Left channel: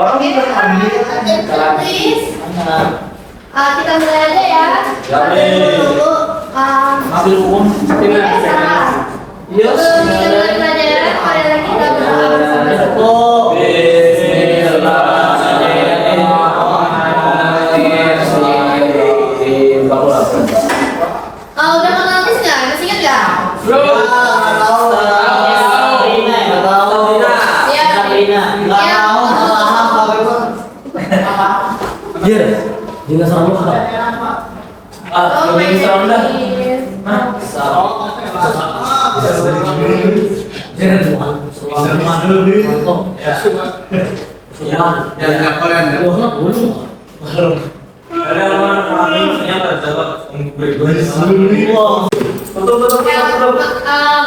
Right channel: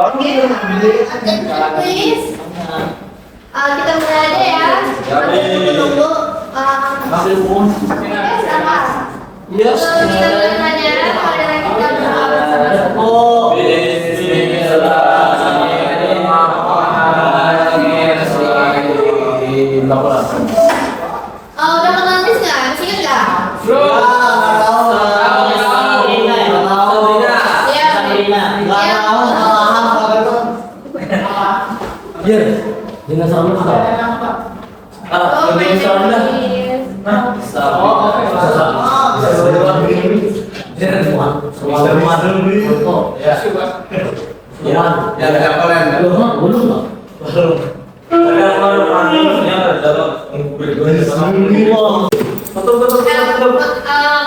Orang ini belum ambil Please. Kita mulai aja ya. Tunggu. ambil umum. Salah. Iya. Kita mulai pelajaran. Mari kita bersama-sama. Oh. Udah kenal Nis nggak? Masih ingat nggak? Iya. Dinosaur lu apa? Dinosaur dah.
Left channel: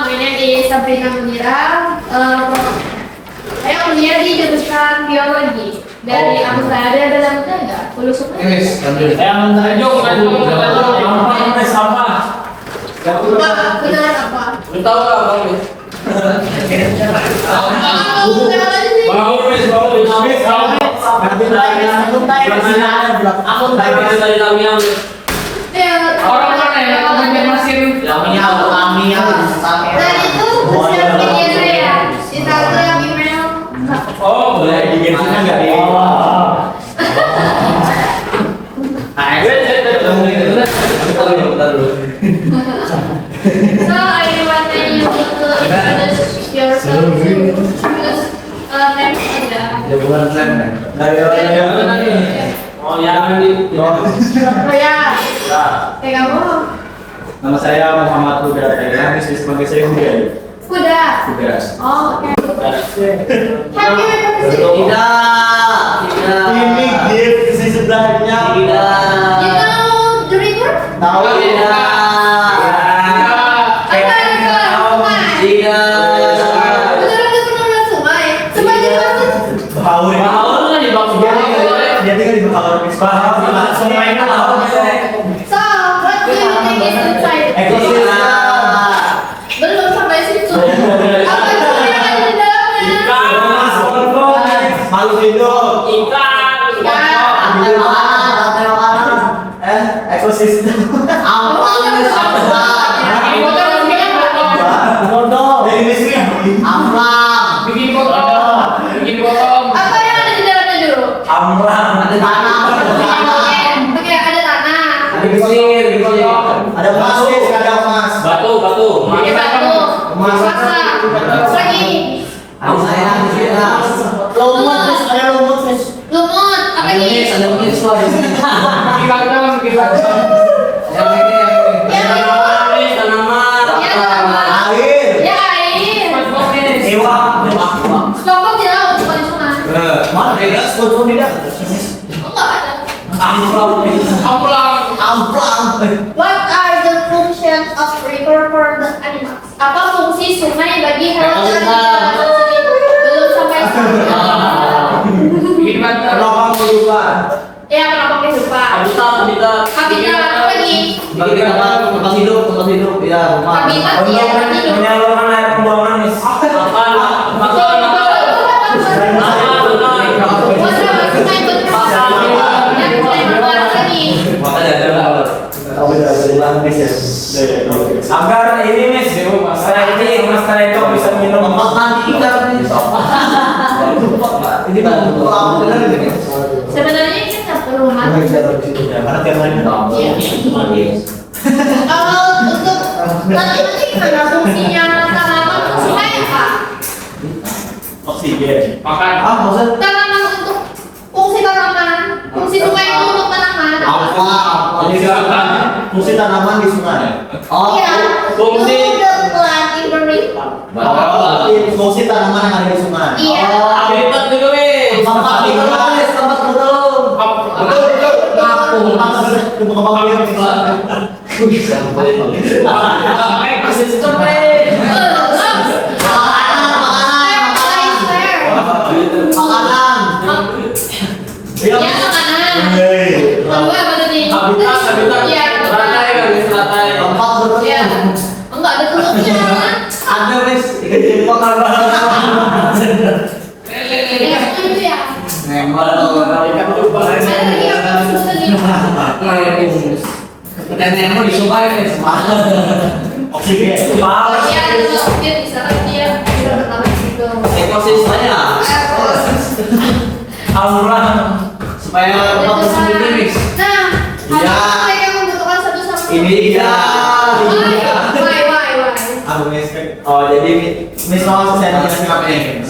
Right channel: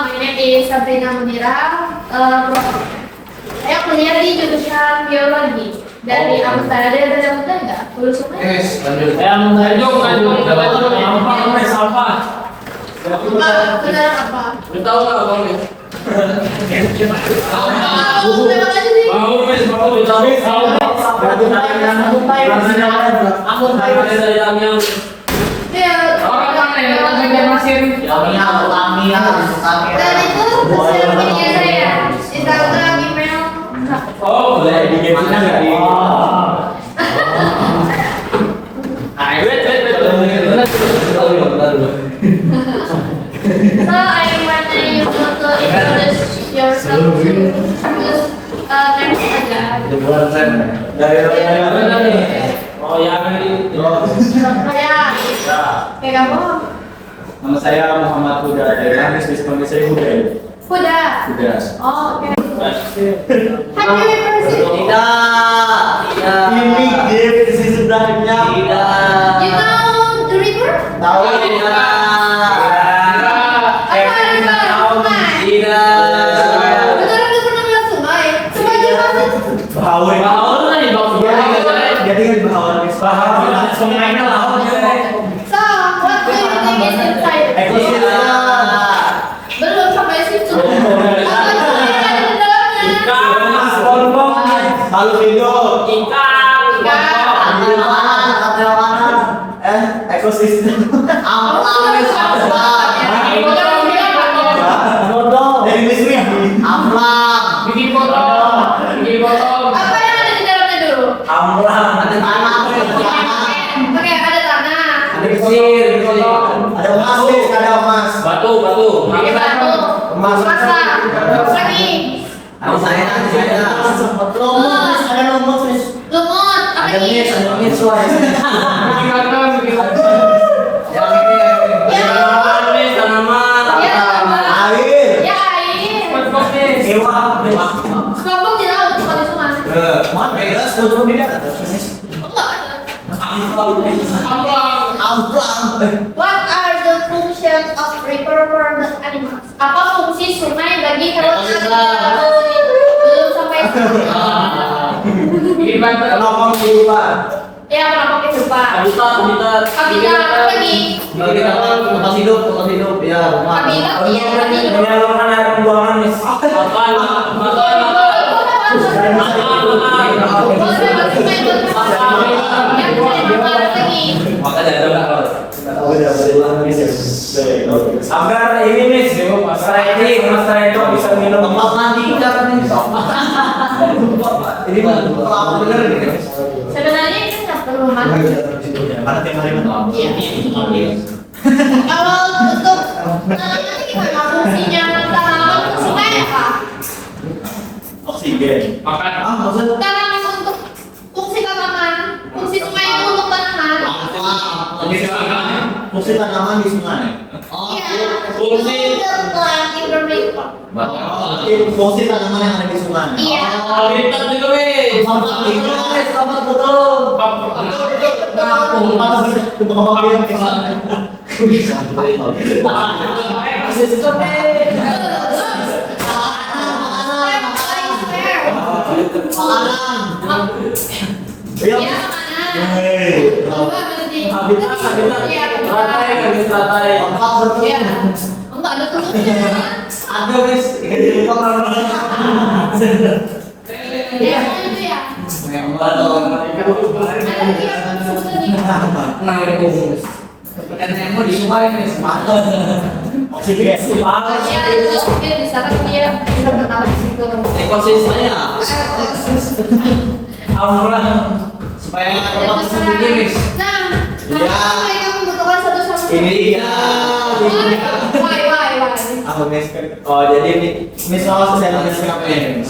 My name is Sabrina Munira. Saya kuliah di jurusan biologi dari Amsterdam. Ada yang muda nggak? Lulus semua? Benar apa? Tahu nggak bang? Dan itu sosial media saya, Instagram, email. Oh, boleh digeser nggak di? So I want you to introduce yourself to next aja. Oh ya, Oh ya, kayak kamu? Nama saya Muhammad Huda Dailan, dipanggil saya Huda. Huda. Huda. Oh, oke. Happy birthday. Ini gift isi sebelahnya. You know the river? Tahu Beneran gak pernah lihat sungai? Sungai Jepang. Bahawai. Dia tinggal di Bahawai. Bahawai. Sungainya laut. So, what do you think is inside? Belum sampai situ. Apa yang ada di dalamnya? Makhluk hidup. Ekosistem. Apa yang ada di dalamnya dulu? Oke, ada tanah. Ada plastik, ada emas. Batu. Ada batu. Masa. Lagi. Lumut. Apa lagi? Ya, air. Kelompok di laut, bukan di sungai. Enggak ada. What are the functions of river for the animals? Apa fungsi sungai bagi hewan dan belum sampai sana. Ya, kenapa kehidupan? Habitat apa lagi? Tempat hidup, ya rumah. Habitat ya, tempat hidup. Menyalurkan air pembuangan, Miss. Agar ini Miss, masalah itu bisa minum. Ini benar ini. Sebenarnya ini kan perumahan. Mana tiap hari minum? Kalau untuk tanaman ini gimana fungsinya tanaman? Fungsinya apa? Oksigen. Maksud? Tanaman untuk fungsi tanaman. Fungsi sungai itu untuk tanaman. Fungsi tanaman di sungai. Iya. Fungsi. The plant in the river. Fungsi tanaman yang ada di sungai. Iya. Habitat juga, Wis. Iya, makanan. Kedua apa tadi? Habitat. Iya, Teratai. Iya. Enggak ada telurnya. Ada Miss, ikan jepang kan. Iya, itu ya. member Ada lagi apa disebut tadi? dan yang mau disumpahin nih Oksigen. Oh iya, kalau dia di sana dia bisa ketawa gitu. Ekosistem ya. aura supaya obat tersebut nih. Nah, Iya. apakah mereka membutuhkan satu sama lain? Ini dia. Why? Aku Miss. Oh, jadi Miss mau saya apa ini?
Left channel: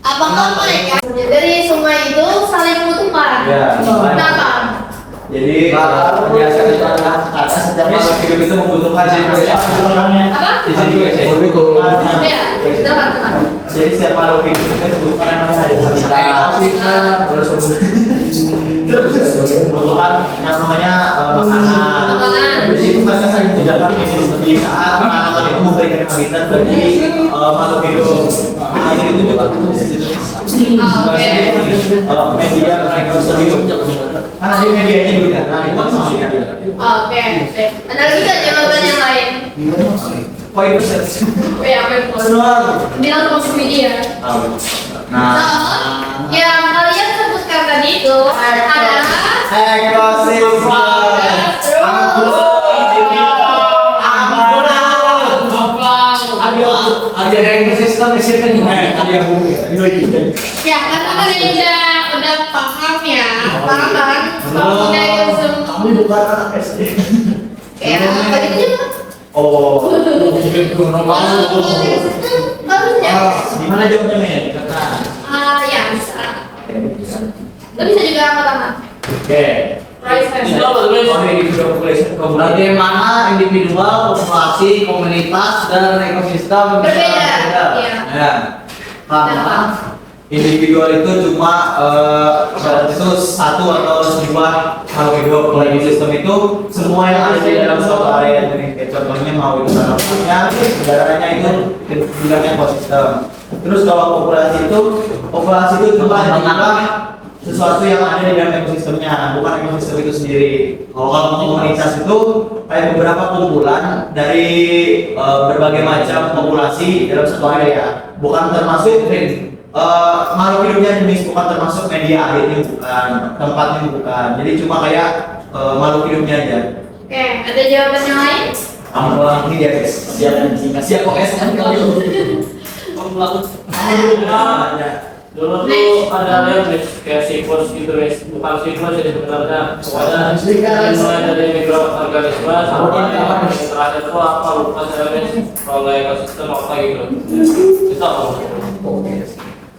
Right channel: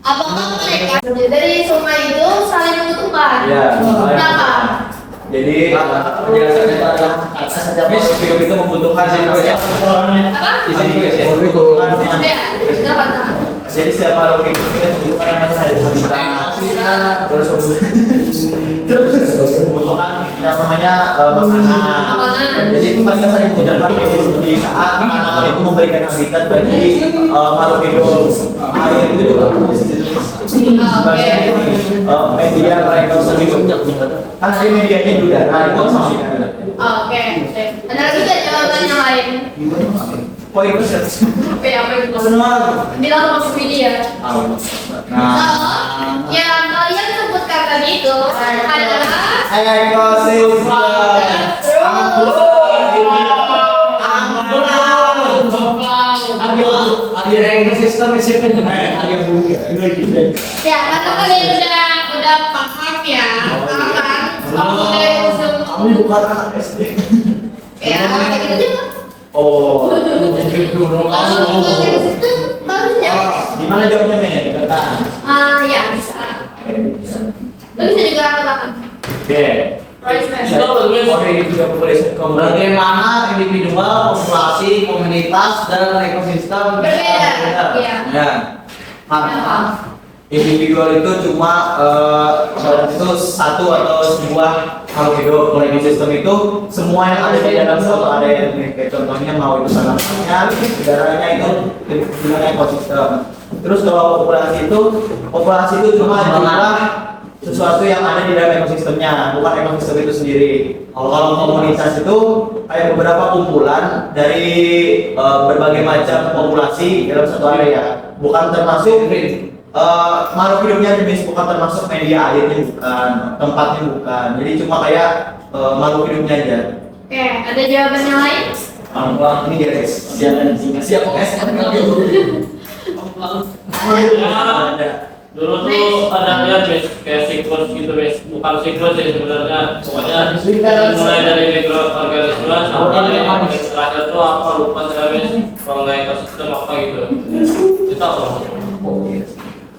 Apakah mereka dari semua itu saling membutuhkan? Iya. Kenapa? Jadi penjelasannya itu adalah kata setiap makhluk hidup itu membutuhkan orangnya. Apa? Jadi Iya, dapat. jadi setiap makhluk hidup itu membutuhkan yang terus membutuhkan yang namanya makanan. Makanan. Jadi itu mereka saling membutuhkan di saat makanan itu memberikan habitat bagi makhluk hidup. Air itu juga media mereka hidup. Karena di medianya di udara itu sama media. Oke. Ada lagi nggak jawaban yang lain? Poin besar. Oke, apa yang mau? Semua. Bilang masuk media. Nah, So, yang kalian sebutkan tadi itu adalah Ada ekosistem siapa nih? Ada bumi. ya karena kalian udah paham ya, paham kan? Kalau udah ekosistem, Kamu bukan anak SD. ya kayak gitu juga. Oh. Kalau bukan ekosistem, harusnya. Gimana jawabnya men? Dikata. Ya bisa. Lo bisa juga apa-apa. Oke. Itu apa tuh, Miss? Bagaimana individual, populasi, komunitas, dan ekosistem Berbeda. Iya. Ya. Kenapa? Individual itu cuma itu satu atau sebuah makhluk hidup. Kalau ekosistem itu semua yang ada di dalam suatu area ini. Kayak contohnya mau itu tanamannya, udaranya itu bilang ekosistem. Terus kalau populasi itu cuma jumlah sesuatu yang ada di dalam ekosistemnya, bukan ekosistem itu sendiri. Kalau komunitas itu kayak beberapa kumpulan dari berbagai macam populasi dalam satu area, bukan termasuk makhluk hidupnya jenis, bukan termasuk media airnya, bukan tempatnya, bukan. Jadi cuma kayak makhluk hidupnya aja. Oke, ada jawaban yang lain? Ini ya guys. siap OSM kali. Ada. Dulu tuh ada lihat, Miss, kayak siklus gitu, Miss. Bukan siklus ya sebenarnya. Pokoknya mulai dari mikroorganisme sampai yang terakhir tuh apa lupa saya, Miss. Kalau nggak ekosistem apa gitu. Itu apa?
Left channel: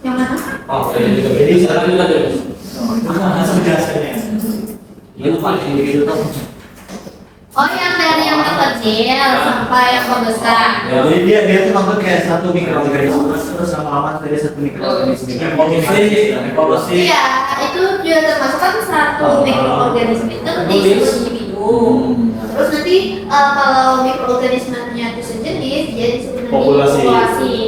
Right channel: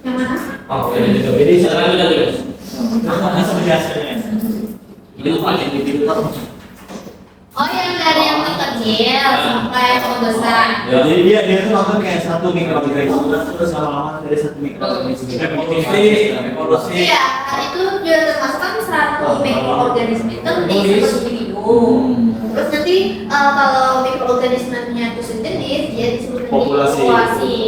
Yang mana? Oh, jadi sekarang ini kan, Miss. Langsung biasanya. Itu paling individu tuh. Oh, yang dari yang terkecil sampai yang terbesar. Ya, jadi dia tuh nonton kayak satu mikroorganisme terus lama-lama dari satu mikroorganisme. Evolusi. Iya, itu juga termasuk kan satu mikroorganisme itu nanti sebuah individu. Terus nanti kalau mikroorganismenya itu sejenis, dia disebut dengan Populasi.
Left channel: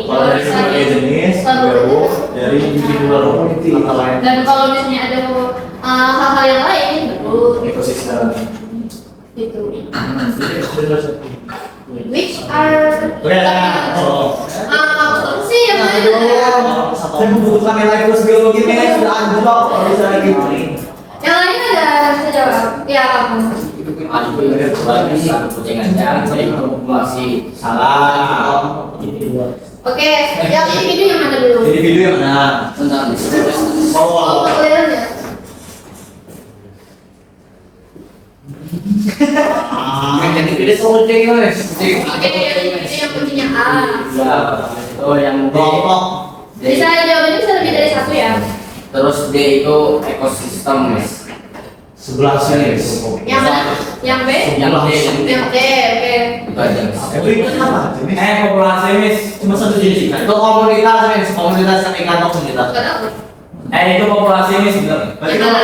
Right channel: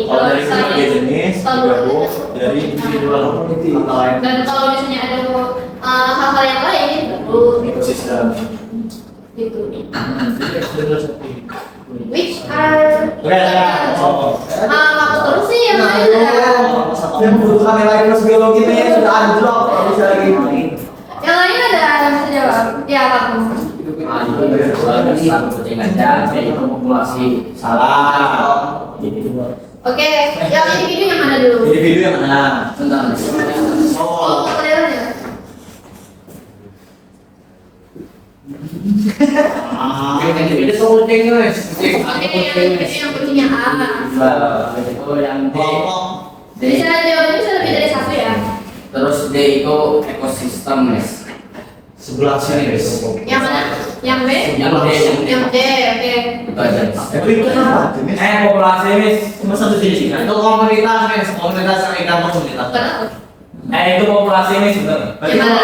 Kalau dari misalnya- berbagai jenis digabung dari individual community. Dan kalau misalnya ada hal-hal yang lain, baru Ekosistem. gitu. Which are apa terus sih yang lain ada? Saya membutuhkan nilai terus biologi nih sudah anjlok kalau bisa lagi. Yang lain ada yang bisa jawab? Ya kamu. Kucing aja, populasi. Salah. Oke, yang individu yang mana dulu? Individu yang mana? Tentang Oh, kelihatan ya. ini kucing guys. Oke, yang individu yang kuncinya A. Oh yang D. Kelompok. Bisa jawabannya bisa lebih dari satu ya. Terus D itu ekosistem guys. Sebelah sini. Yang mana? Yang B? Yang D, yang D. Yang D, oke. Itu aja. Miss. Itu apa? Jenis? Populasi Miss. Cuma satu jenis ikan. Itu komunitas Miss, komunitas yang ikan itu komunitas. Bukan aku. Itu populasi Miss sebenarnya. Gimana?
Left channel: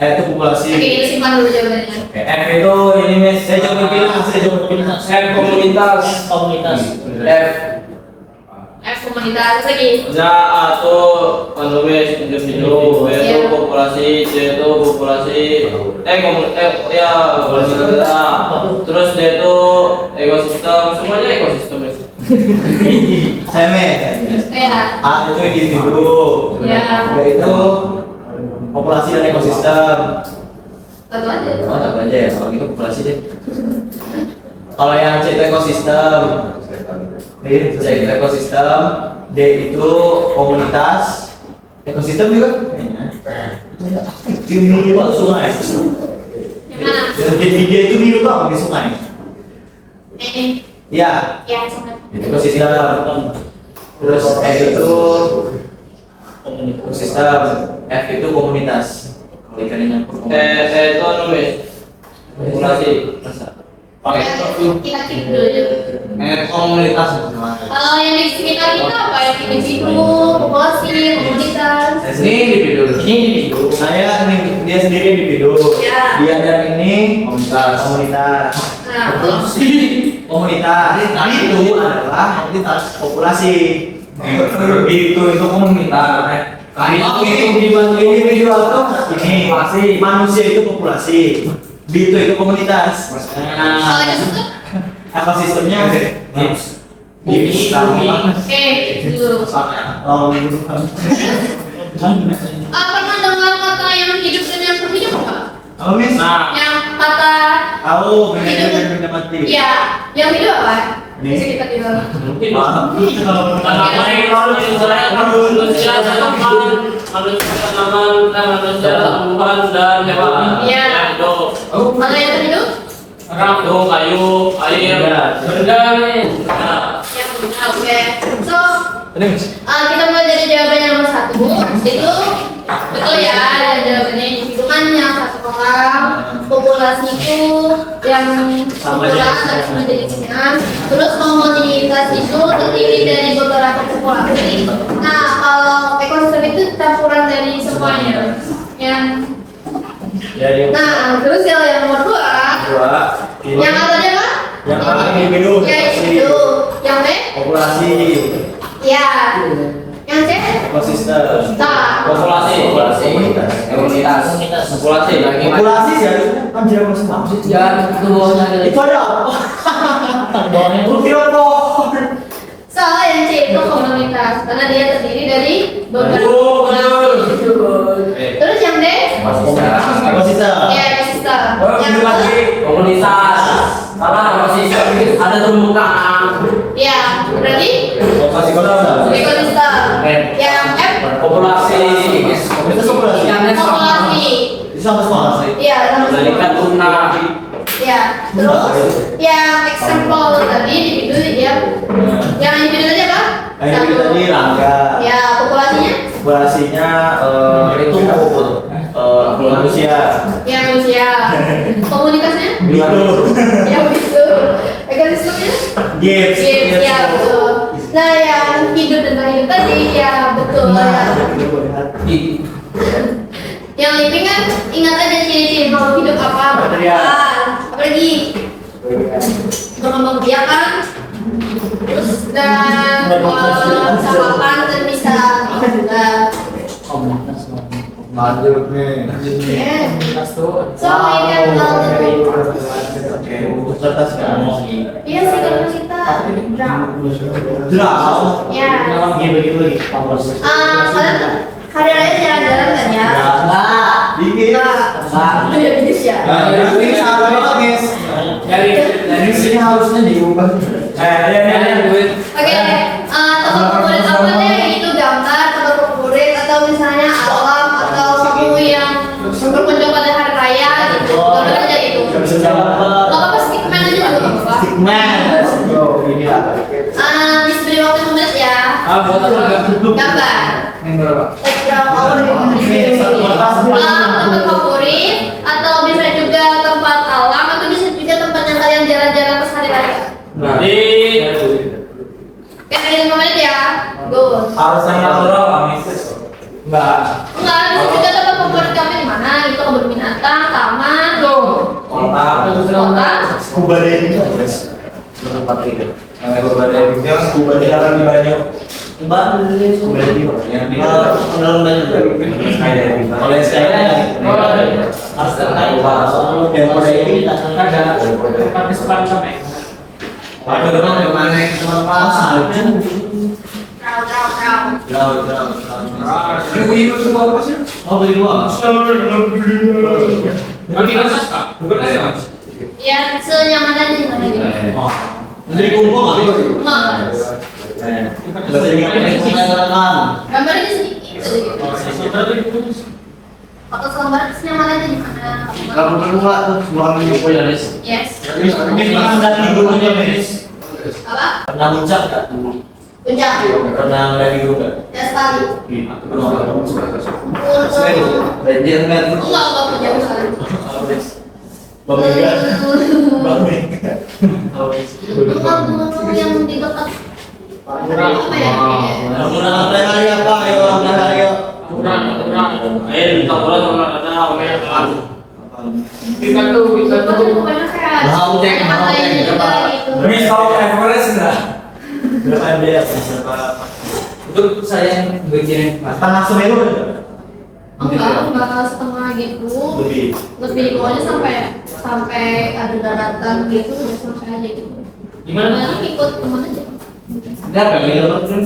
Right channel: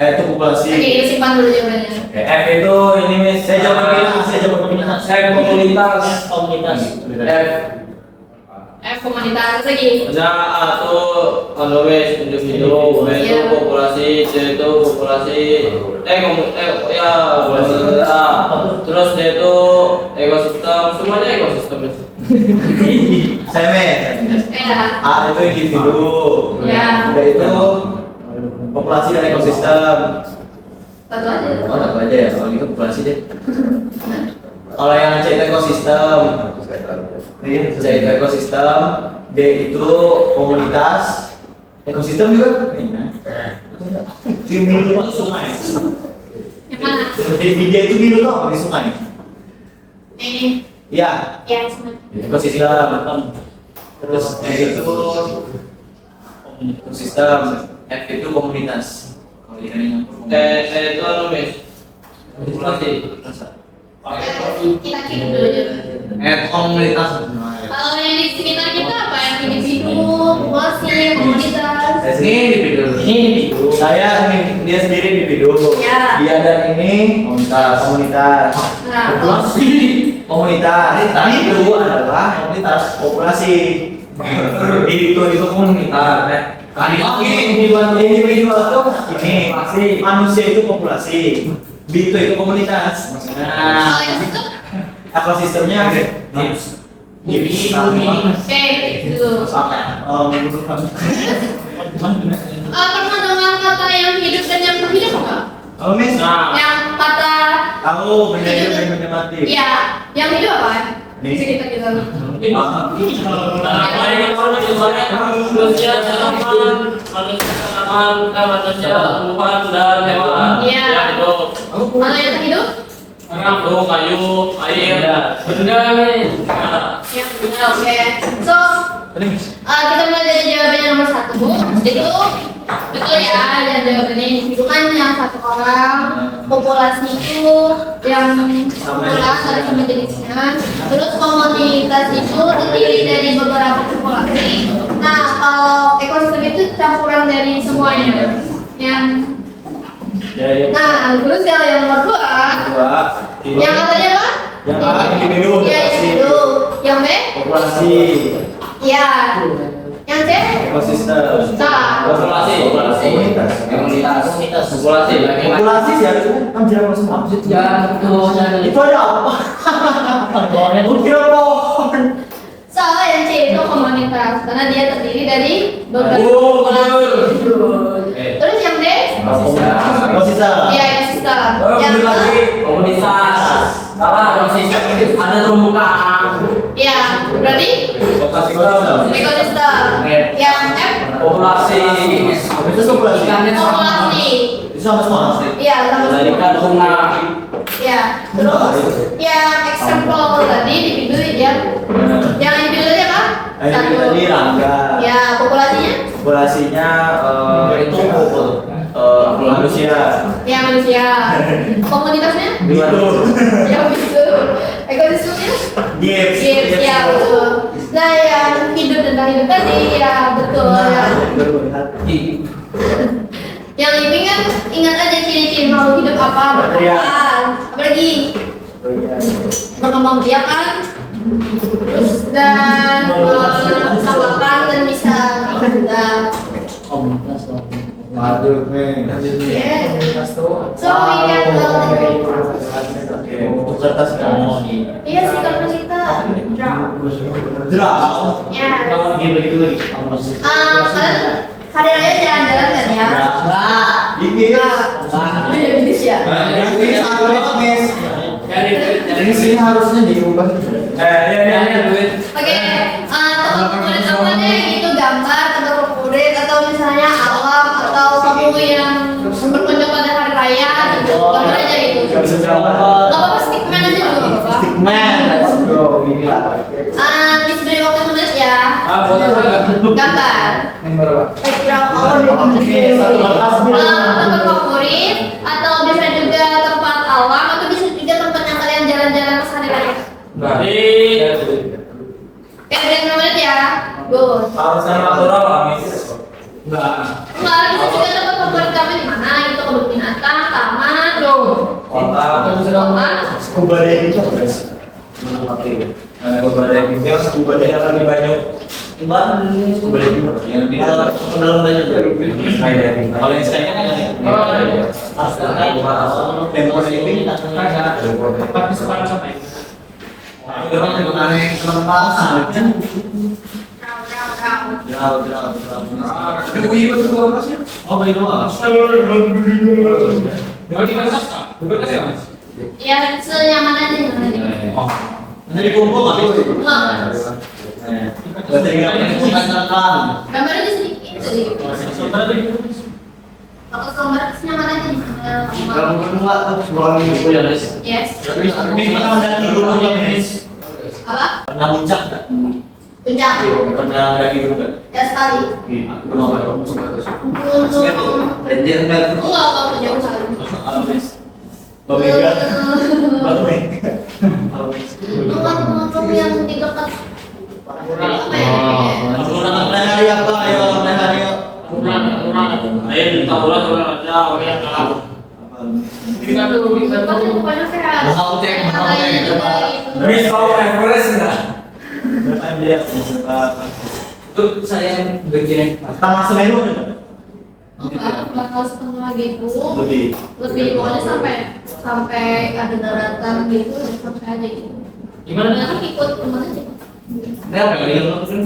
Itu populasi. Oke, ini simpan dulu jawabannya. F itu ini Miss. Saya jawab komunitas. F komunitas. F F komunitas lagi. Ya, A itu Miss, individu, B itu populasi, C itu populasi, ya populasi. Terus D itu ekosistem, semuanya ekosistem, Miss. Semen. Ya. A itu individu. Ya. B itu populasi dan ekosistem. Satu aja. Oh, satu aja ya. Kalau gitu populasi deh. Kalau yang C itu ekosistem. C itu ekosistem. D itu komunitas. Ekosistem juga. Cumi itu sungai. Yang mana? Di dia itu biru tuh di sungai. Ini. Ya. Ya, sama. Ekosistem. Terus E itu ekosistem. F itu komunitas. Kalau ikan ini Saya itu nulis populasi. Pakai Kita keep dulu aja. Komunitas. Kalau yang di sekitar kita apa? Yang individu, populasi, komunitas. Ini individu. Ini individu. Saya ini dia sendiri individu. Ya. Dia dan ini komunitas. Komunitas. Nah, Komunitas. Itu adalah komunitas populasi. Itu komunitas. Individual itu ini manusia itu populasi. B itu komunitas. kalau itu Ekosistemnya oke, dulu. Pernah dengar kata yang hidup dan yang berhidup nggak? Kalau mis, Yang kata tahu benda mati. Iya, yang hidup apa? Nih. Bisa kita bilang. Manusia tanaman, manusia tumbuhan dan hewan. Iya. Ya, itu. Kalau yang terhidup? Itu kayu, air, benda nih. Yang oke. So, kita mulai dari jawaban yang nomor 1. Itu betul ya, yang jawabannya individu kan yang satu orang, populasi itu yang kumpulan harus menjadi sekian. Terus komunitas itu terdiri dari beberapa populasi. Nah, kalau ekosistem itu campuran dari semuanya. Nah, terus yang nomor 2, yang katanya apa? Yang A individu. Ya, individu. Yang B? Populasi. Ya. Yang C? Ekosistem. Nah. Populasi. Komunitas. Populasi. Populasi ya itu kan jalan semua. Itu ada apa? Kira pohon. So, yang C itu komunitas karena dia terdiri dari beberapa populasi. Terus yang D? Ekosistem. Ya, ekosistem. Yang Yang lagi komunitas. Karena ekosistem ada terumbu karang. ya, berarti Ekosistem. ekosistem. Yang F? Populasi. Komunitas populasi. Populasi. Itu sama semua. Ya, sama Tadi kan tuna. Ya, terus yang example tadi individu yang individu tadi apa? Ini tadi Rangga. Ya, populasinya? Populasinya itu manusia. Ya, manusia. Komunitasnya? Itu. Ya, begitu. Ekosistemnya? Gips. Yes, ya, betul. Nah, yang hidup dan tak hidup tadi, ya betul ya. Yang ini kan ingat aja ciri-ciri makhluk hidup apa? Bertahan. Apalagi berkembang biak kan? Terus dan bisa makan dan bisa Lanjut nih. So, yang Serta sekarang. iya sih kalau kita Draw. ya. Kalian hari raya jalan-jalan kan ya? Ini. Beda bisnis ya. Ini sama banget guys. Dari sini harusnya diubah. Oke, tempat favorit apa deh? Itu gambar, tempat favorit atau misalnya alam atau kamu yang berkunjung pada hari raya gitu. Gambar aja gitu. Gak apa-apa, stickman aja juga gak apa-apa. Man, let's go. Ini lah. Bisa beri waktu menulis ya. Gambar. Berapa tempat favorit atau bisa juga tempat alam atau bisa juga tempat yang kalian jalan-jalan pas hari raya. Kayak beri 5 menit ya. Good. Harus yang natural, Amis. Enggak. Enggak, bisa juga tempat favorit kami di mana? Itu kebun binatang, taman, Kota. kota. Scuba diving guys. Scuba diving. Dia scuba diving di Banyu. Scuba diving. Yang di dalam Banyu. Skydiving. Kalau yang skydiving harus yang mau diving Ada orang yang mana yang teman kelas aja. Trau. Oh, beli dua. Ya, senyaman aja. Oh. Nanti dikumpul nggak? Enggak. Nggak sering rekam. Gambarnya sedikit. Foto gambar senyaman aja di mana? Kamu kedua tuh sebuah minggu ya, Nis. Yes. Ini pernah mendaki gunungnya, Nis? Apa? Pernah muncak nggak? Puncak. Pernah mendaki gunung nggak? Ya sekali. Gunung. Ranger nggak? Enggak jauh sekali. Apa, Nis? Bang Mega. Bang Mega. Gunung yang di dekat. Apa ya? Udah hari apa? Ayo, udah hari yuk. Ayo kita ulang ada orang yang kalah. Bukan pokoknya sehat. Mau cek, mau cek. Katanya juga gitu. Miss tahu Everest enggak? Berapa MD? Berapa? Itu saya yang bikin Mas. Tanah Semeru ada? Enggak setengah gitu. Lebih. Pokoknya sampai ada daratan gitu sampai aja gitu. Gimana? Nanti ikut teman aja. Enggak,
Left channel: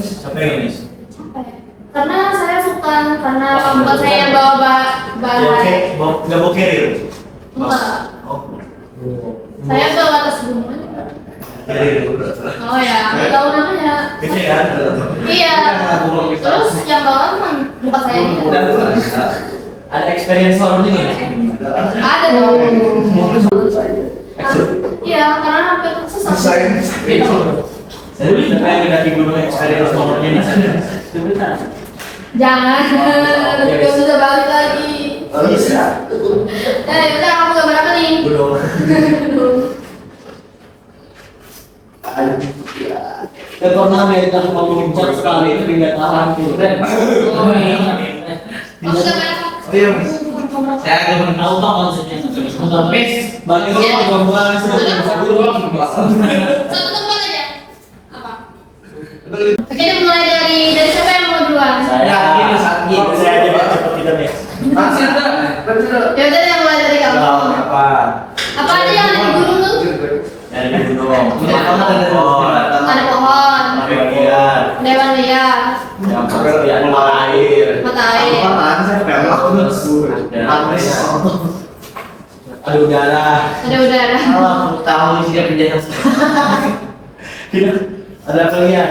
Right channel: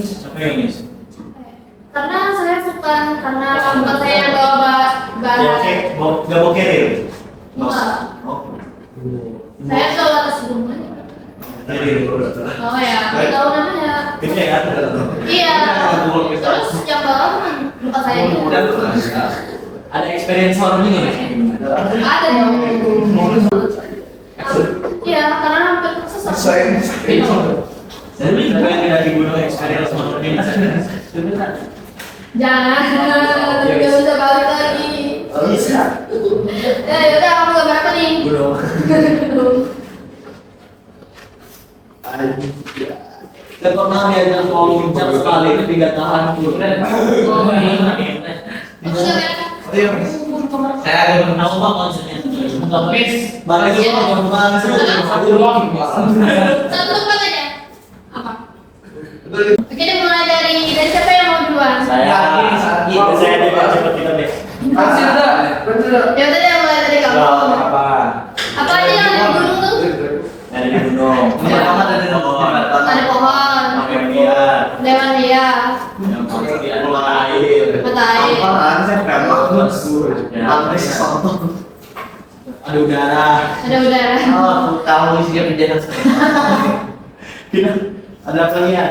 siapa yang Nis? Karena saya suka, karena buat saya yang bawa bahan. Nggak mau carrier? Enggak. Oh. Saya bawa tas gunung aja. Carrier. Oh ya, nggak tahu namanya. Gede kan? Iya. Terus yang bawa cuma muka saya gitu. Ada experience horornya nggak? Ada dong. Iya, karena hampir sesat. Saya yang mendaki gunung experience nomornya Nis. Jangan, nggak bisa balik lagi. Oh bisa. Ya udah, kamu gambar apa nih? Gunung. Saya pernah diajak mau muncak sekali tapi nggak tahan tuh. Kamu gambar apa? Oh iya, Miss. Saya agak tahu bang maksudnya. Miss, balik dulu ke bawah Satu tempat aja. Apa? Oke, ini mulai dari siapa yang mau duluan? Saya juga cepet kita nih. Ya udah deh, mulai dari kamu. Apa? Apa aja yang ada di gunung tuh? Dari gunung. Ada pohon, Bagian. dewan liar, Yang pasti ada air. mata air. Ada udara. Ada udara. Oh, aku tahu isinya penjara. Ada kalian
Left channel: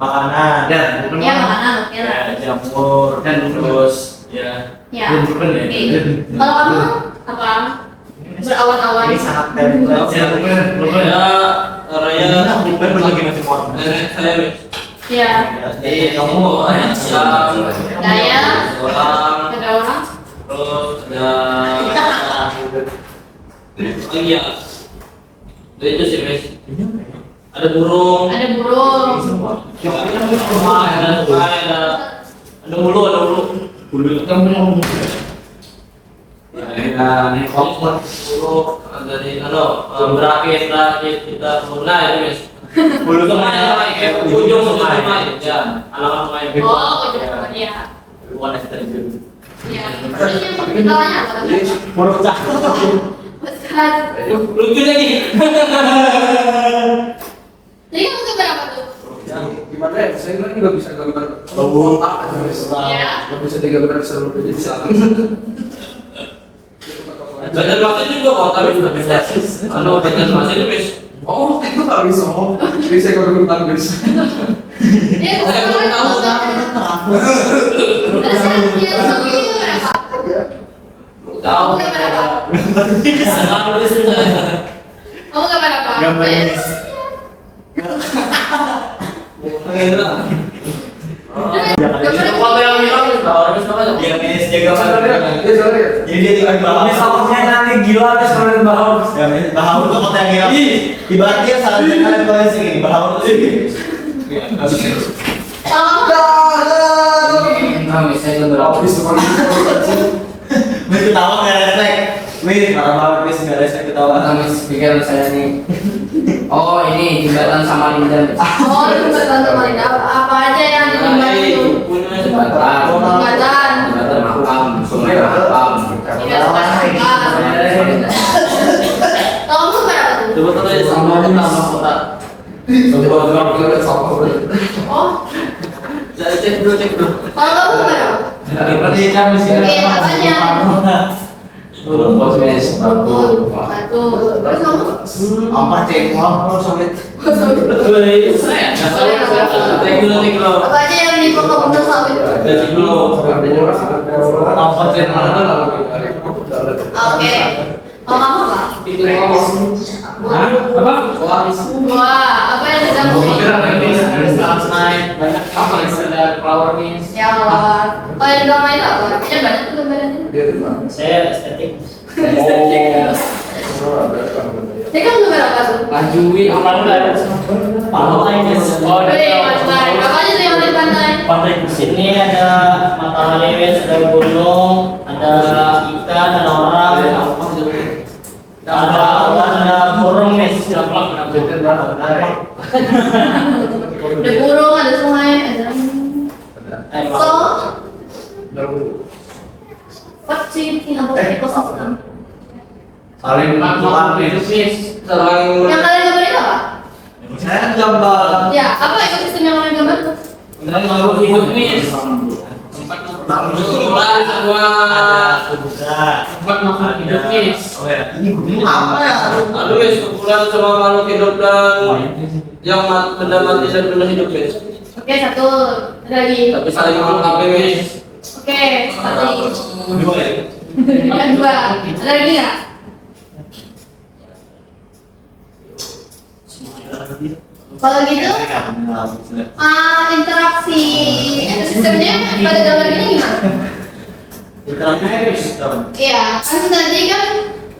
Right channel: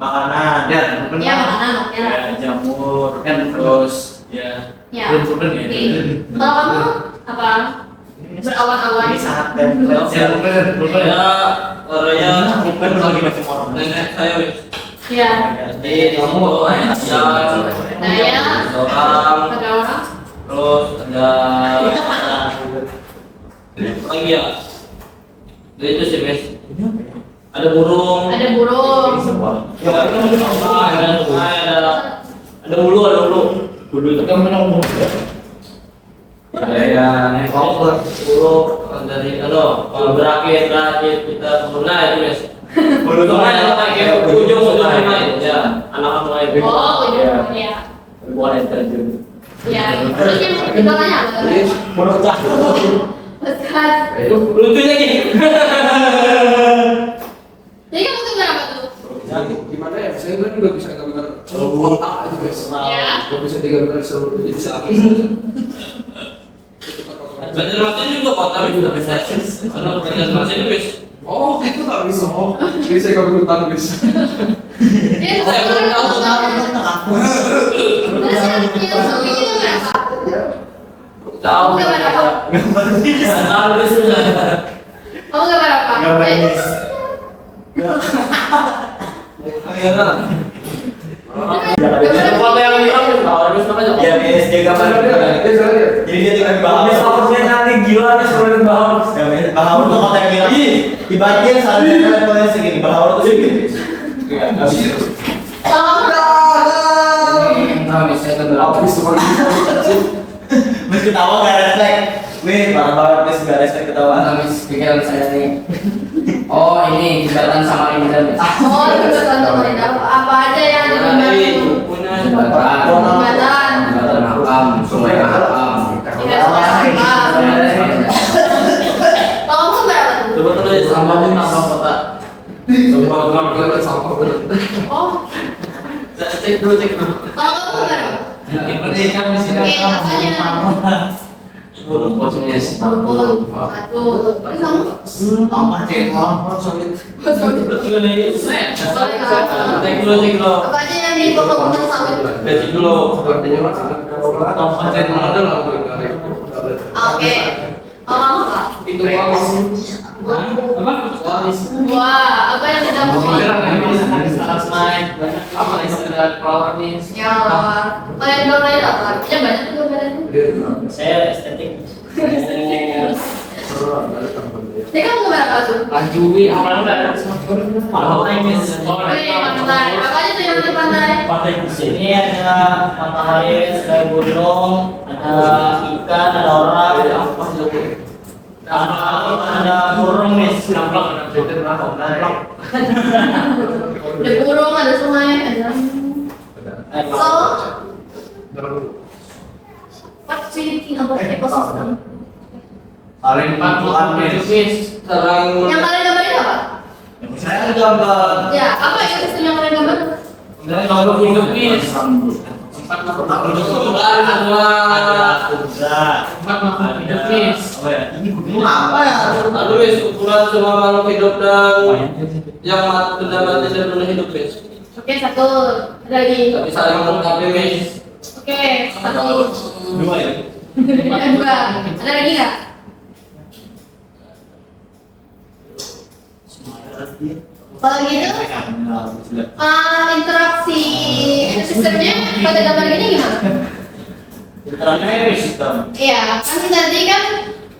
makanan dan Ya makanan, ya. jamur dan terus ya. Ya. Oke. Kalau kamu apa? Berawan-awan. Ini sangat tempel. Saya Raya bukan berbagai macam orang. nenek saya Wis. Ya. Jadi kamu Daya. orang Ada orang. terus ada lagi ya. Itu sih Wis. Ada burung. Ada burung. Ada ulu. Bulu itu kan punya umum. ada helikopter. Bulu dari berakit kita purna ya Wis. Bulu tuh kayak ujung main ya. Anak-anak main. Oh, ujung ya. Bukan terjun. Ya. Terus yang di bawahnya apa? Burung pecah. Peskat. Lucu lagi. Jadi kamu gambar apa tuh? Gimana ya? Saya kan nggak bisa gambar kotak aja guys. Ya. Nggak bisa digambar seluruh jadi bisa. Badan masih juga kok, tapi juga bisa. Kalau badan masih itu Wis. Oh, itu tak bisa. Oh, jadi saya gambar kotak guys. Jadi Saya belum tahu. Terus yang ini gambar apa? Tahu. Kamu gambar apa? Tahu Wis juga. Kamu gambar apa? Gambar Ayo. Miss. Ada foto yang hilang Wis, orang Wis namanya. Iya, Miss, jaga mana dia? Ya jalan ya. Jadi dia tinggal di bawah. Miss takutnya nanti gila Miss menurut Bahwa. Ya, Miss, Bahawur tuh kota yang hilang. Ibaratnya dia seharusnya kalian boleh segini. Bahawur tuh segini. Iya, nggak bisa. Kalau kamu Nah, Miss saya gambar apa? Habis semua itu. Miss ketawa nggak respect. Miss, parah banget Miss nggak respect ketawa. Nah, Miss pikiran saya nih. Oh, ini jembatan Samarinda. Miss. oh, jembatan sama Linda. Apa aja yang ada di jembatan? Punya Jembatan. Jembatan. Jembatan makam, sungai makam. Tidak suka suka. Kalau kamu gambar apa tuh? coba kita lihat Sama nama kota. Kalau kita sama Oh, Cek dulu. kalau kamu gimana? Berarti kan mesti Oke, apanya? Rumput mes. Rumput, batu. Terus kamu? apa cek mau sulit. Cek dulu. Apa aja yang di pokok-pokok sawit? Cek dulu. Apa cek mana lalu? Oke. Oh, kamu apa? Apa? Wah, apa yang di dalam pokok? Apa yang ada flower nih? Ya Allah. Oh, yang di dalam itu apa? Ya banyak tuh gambarannya. Saya estetik. Jadi kamu gambar apa tuh? Lanjui apa ada? Pantai guys. Oh, Wih, pantai. Apa aja tuh yang ada di pantai? Pantai di sini ada matahari, ada gunung, ada ikan, ada orang, ada burung nih. Ada burung, ada sungai, ada. So, what do you think about ecosystem? Saling membantu. Yang kalian gambar itu apa? Saya gambar. Ya, apa ekosistem yang kalian gambar? Kalau hidup nih tempat hidup nih. Ini gunung apa ya? Aduh, wis ukuran semua makhluk hidup dan yang benda mati dan benda hidup wis. Oke, satu. Ada lagi. Tapi saling melengkapi wis. Oke, satu. Dua ya. Yang dua. Ada lagi nggak? Kalau gitu, interaksi ekosistemnya pada gambar ini gimana? Interaksi sistem. Iya, kan tadi kan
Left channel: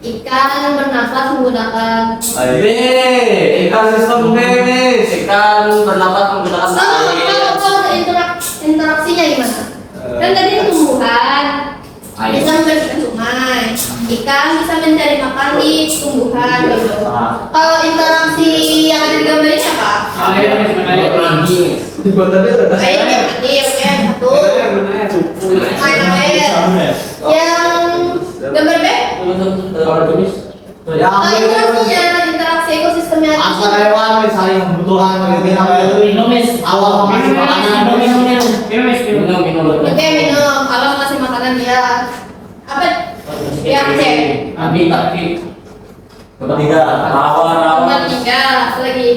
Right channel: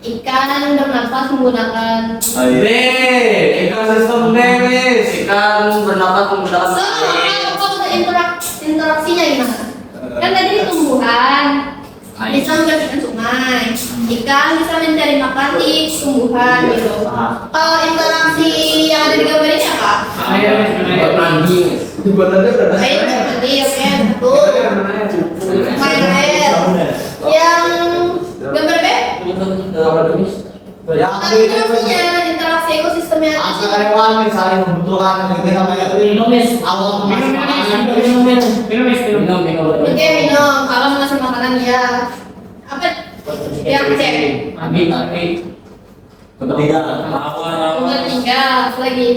ikan yang bernafas menggunakan. Ikan sistem Demis. Ikan bernapas menggunakan air. Kalau interaksinya gimana? Kan tadi tumbuhan bisa membersihkan sungai, ikan bisa mencari makan di tumbuhan gitu. Kalau interaksi yang ada di gambar ini apa? Air sebenarnya berani. Air yang berarti oke satu. Main air. Yang gambar B? Interaksi ekosistemnya itu. Antara hewan saling membutuhkan gitu namanya. Awal masih makanan. Minum. Oke minum, alam ngasih makanan ya. Apa? Yang C. Tapi Ketiga. Nomor tiga, satu lagi.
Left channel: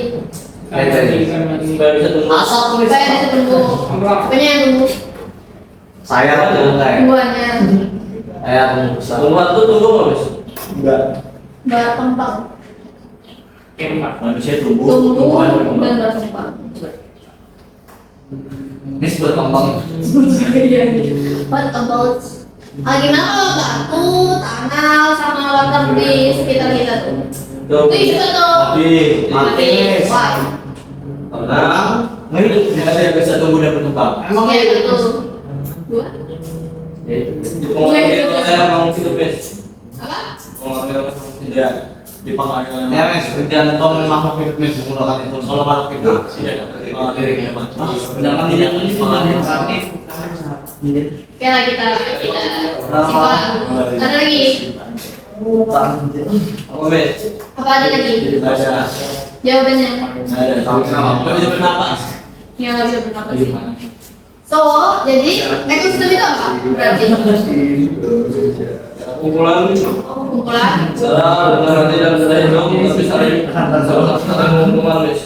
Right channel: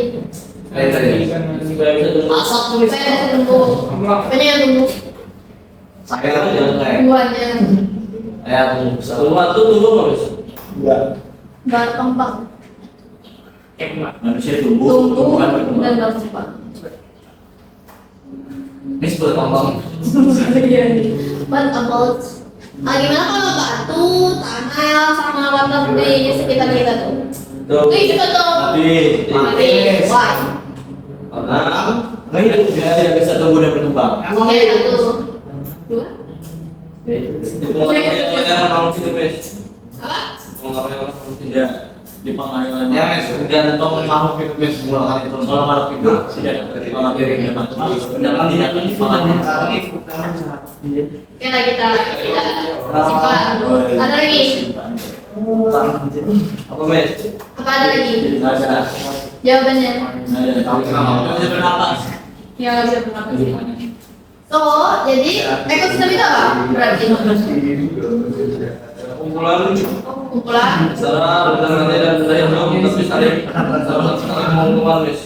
supaya bisa tumbuh. Asap tulis. Saya bisa tumbuh. Apanya yang tumbuh? Saya enggak. Tumbuhannya. Saya besar. Tumbuhan tuh tumbuh nggak wis? Enggak. Berkembang. Manusia tumbuh. Tumbuh tumbuhan dan berkembang. berkembang. Ini berkembang. What about gimana kalau batu, tanah, sama water di sekitar kita tuh? Itu hidup atau mati? Why? Nggak hidup. Dia tidak bisa tumbuh dan berkembang. Oke, itu dua. Apa? Tidak di pengadilan. Ya mas, jantung makhluk hidup yang menggunakan itu. Kalau makhluk hidup tidak dari hewan. Sedangkan tidak Oke lah kita simpan. Ada lagi? Apa mes? Apa ada lagi? Ada. Jawabannya? Ada. Nggak bisa bernapas. Ya nggak bisa bernapas sih. So, jadi ekosistem itu apa? Berarti Kumpulan kumpulan. secara berarti dan secara hidup tapi saling mengumpulkan mes.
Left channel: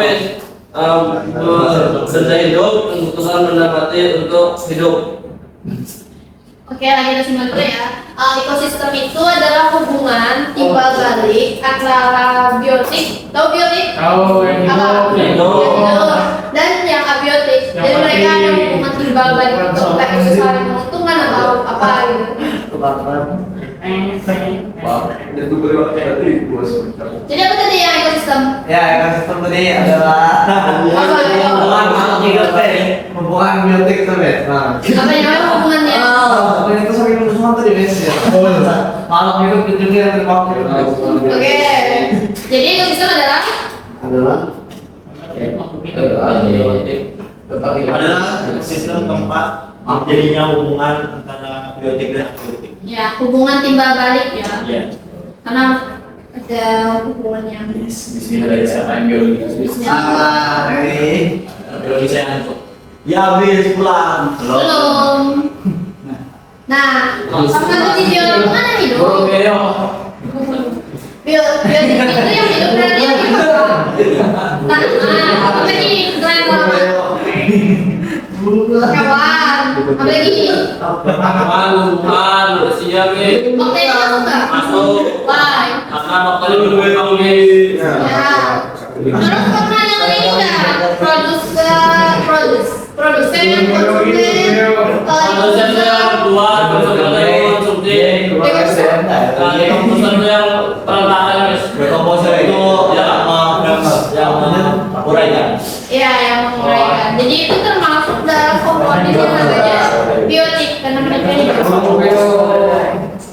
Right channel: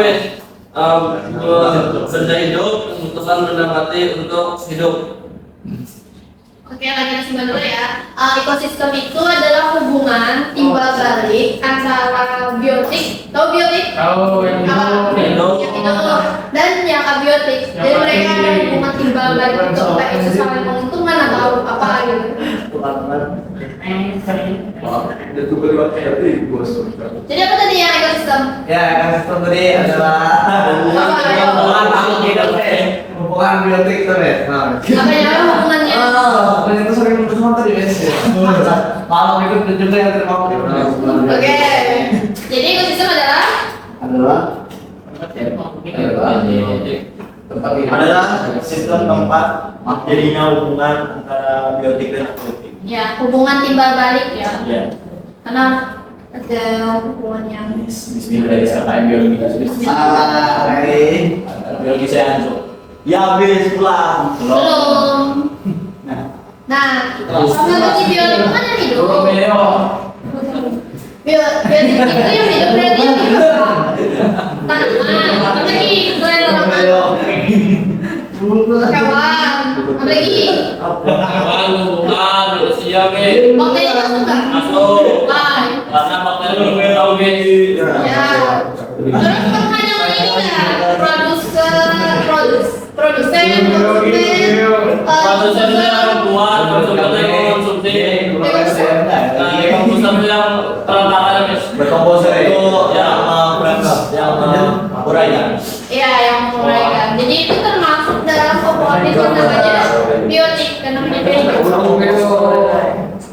Mes. Benda hidup membutuhkan benda mati untuk hidup. Oke, lagi kita simpan dulu ya. Ekosistem itu adalah hubungan timbal balik antara biotik, tahu biotik? Kalau yang Apa? Hidup. Yang hidup dan yang abiotik. Jadi mereka ada hubungan timbal balik itu baik itu saling menguntungkan atau apa gitu. Jadi apa tadi yang ekosistem? Ya, ekosistem tadi adalah hubungan makhluk hidup hubungan biotik itu ya. Apa yang namanya hubungannya? Dan itu sering berhubungan tadi guys ya. Makhluk hidup dan juga yang terpakai. Oke. Jadi ekosistem adalah adalah sistem tempat terjadinya hubungan antara biotik dan abiotik. ya hubungan timbal balik ya. Ya. Karena ada hubungan yang Bismillah dari siapa yang biologi? Hari Biologi saya masuk. ya habis pulang. belum. Nah, sama tadi biologi kan yang hidup. Romeo. Biologi itu yang hidup berarti yang hidup. Nah, apa lagi? Selain tanaman. Hewan. Apa lagi? Tumbuhan, manusia, Be. Bakteri masuk nggak? Masuk. Why? Karena bakteri bertahu, Be. Ya. Terus pernah yang ini nggak? Produsen, Produsen yang buat, konsumen yang konsumsi. Nah, komposer yang perantaraan, guys. Berkomposer itu Ya. yang menguraikan. Iya, yang menguraikan. Jadi itu termasuk dalam komponen yang namanya biotik karena mereka hidup.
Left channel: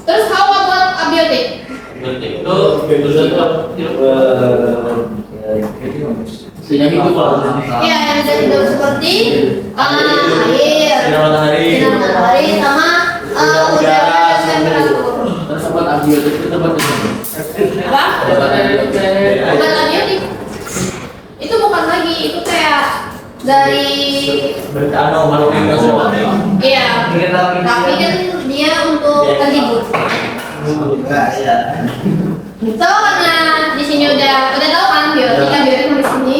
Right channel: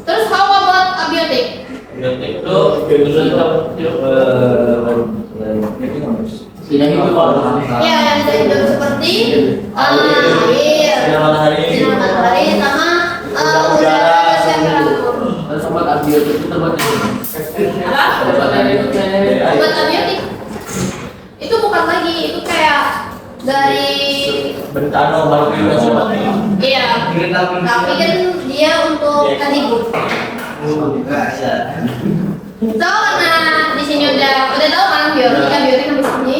Terus how about abiotik? Berarti itu Tidak hidup kalau Ya, yang tidak hidup seperti air, Sinar matahari. sinar matahari, sama udara dan temperatur. Sobat abiotik itu tempat Apa? Obat abiotik itu bukan lagi, itu kayak dari Bertano makhluk yang bersama. iya, tapi kan dia untuk terhibur. So, karena di sini udah tahu kan biotik sampai sini.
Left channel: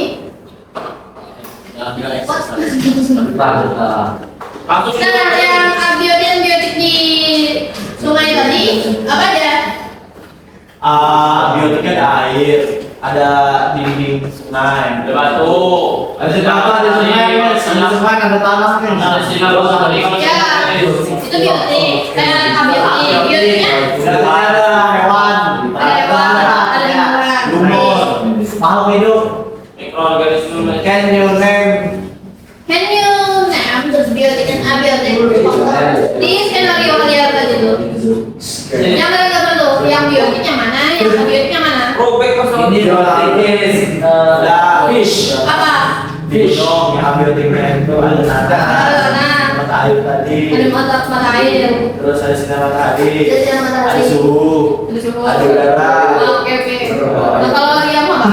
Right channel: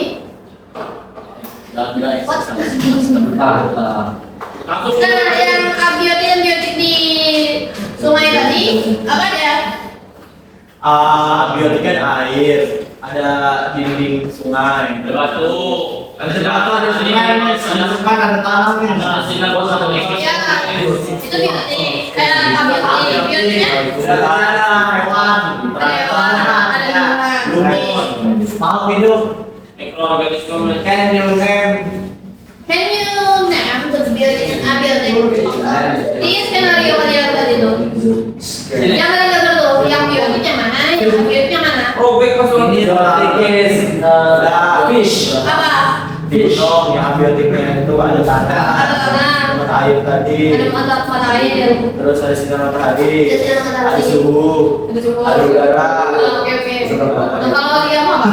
Jangan bilang What? eksersis. kasus Nah, yang abiotik dan biotik di sungai tadi apa aja? Biotik ada air, ada dinding sungai, ada batu, ada apa? Ada sungai, ada tanah, ada sinar matahari. Ya, itu biotik. Abiotik, biotiknya ada hewan, ada hewan, ada tumbuhan. lumut, makhluk hidup. Mikroorganisme. Can you name? Can you name the biotik and abiotik? Di skenario kalian tadi tuh. Yang mereka perlu, yang biotiknya mana, yang abiotiknya mana? Robek masalah Ini biotik fish. Apa? Gunung yang biotiknya itu ada tanah, Ada tanah. ada air tadi, Ada mata air, terus ada sinar matahari, ada sinar matahari, ada suhu, ada suhu. ada udara. Oke oke. Nah, kalau lagi yang apa?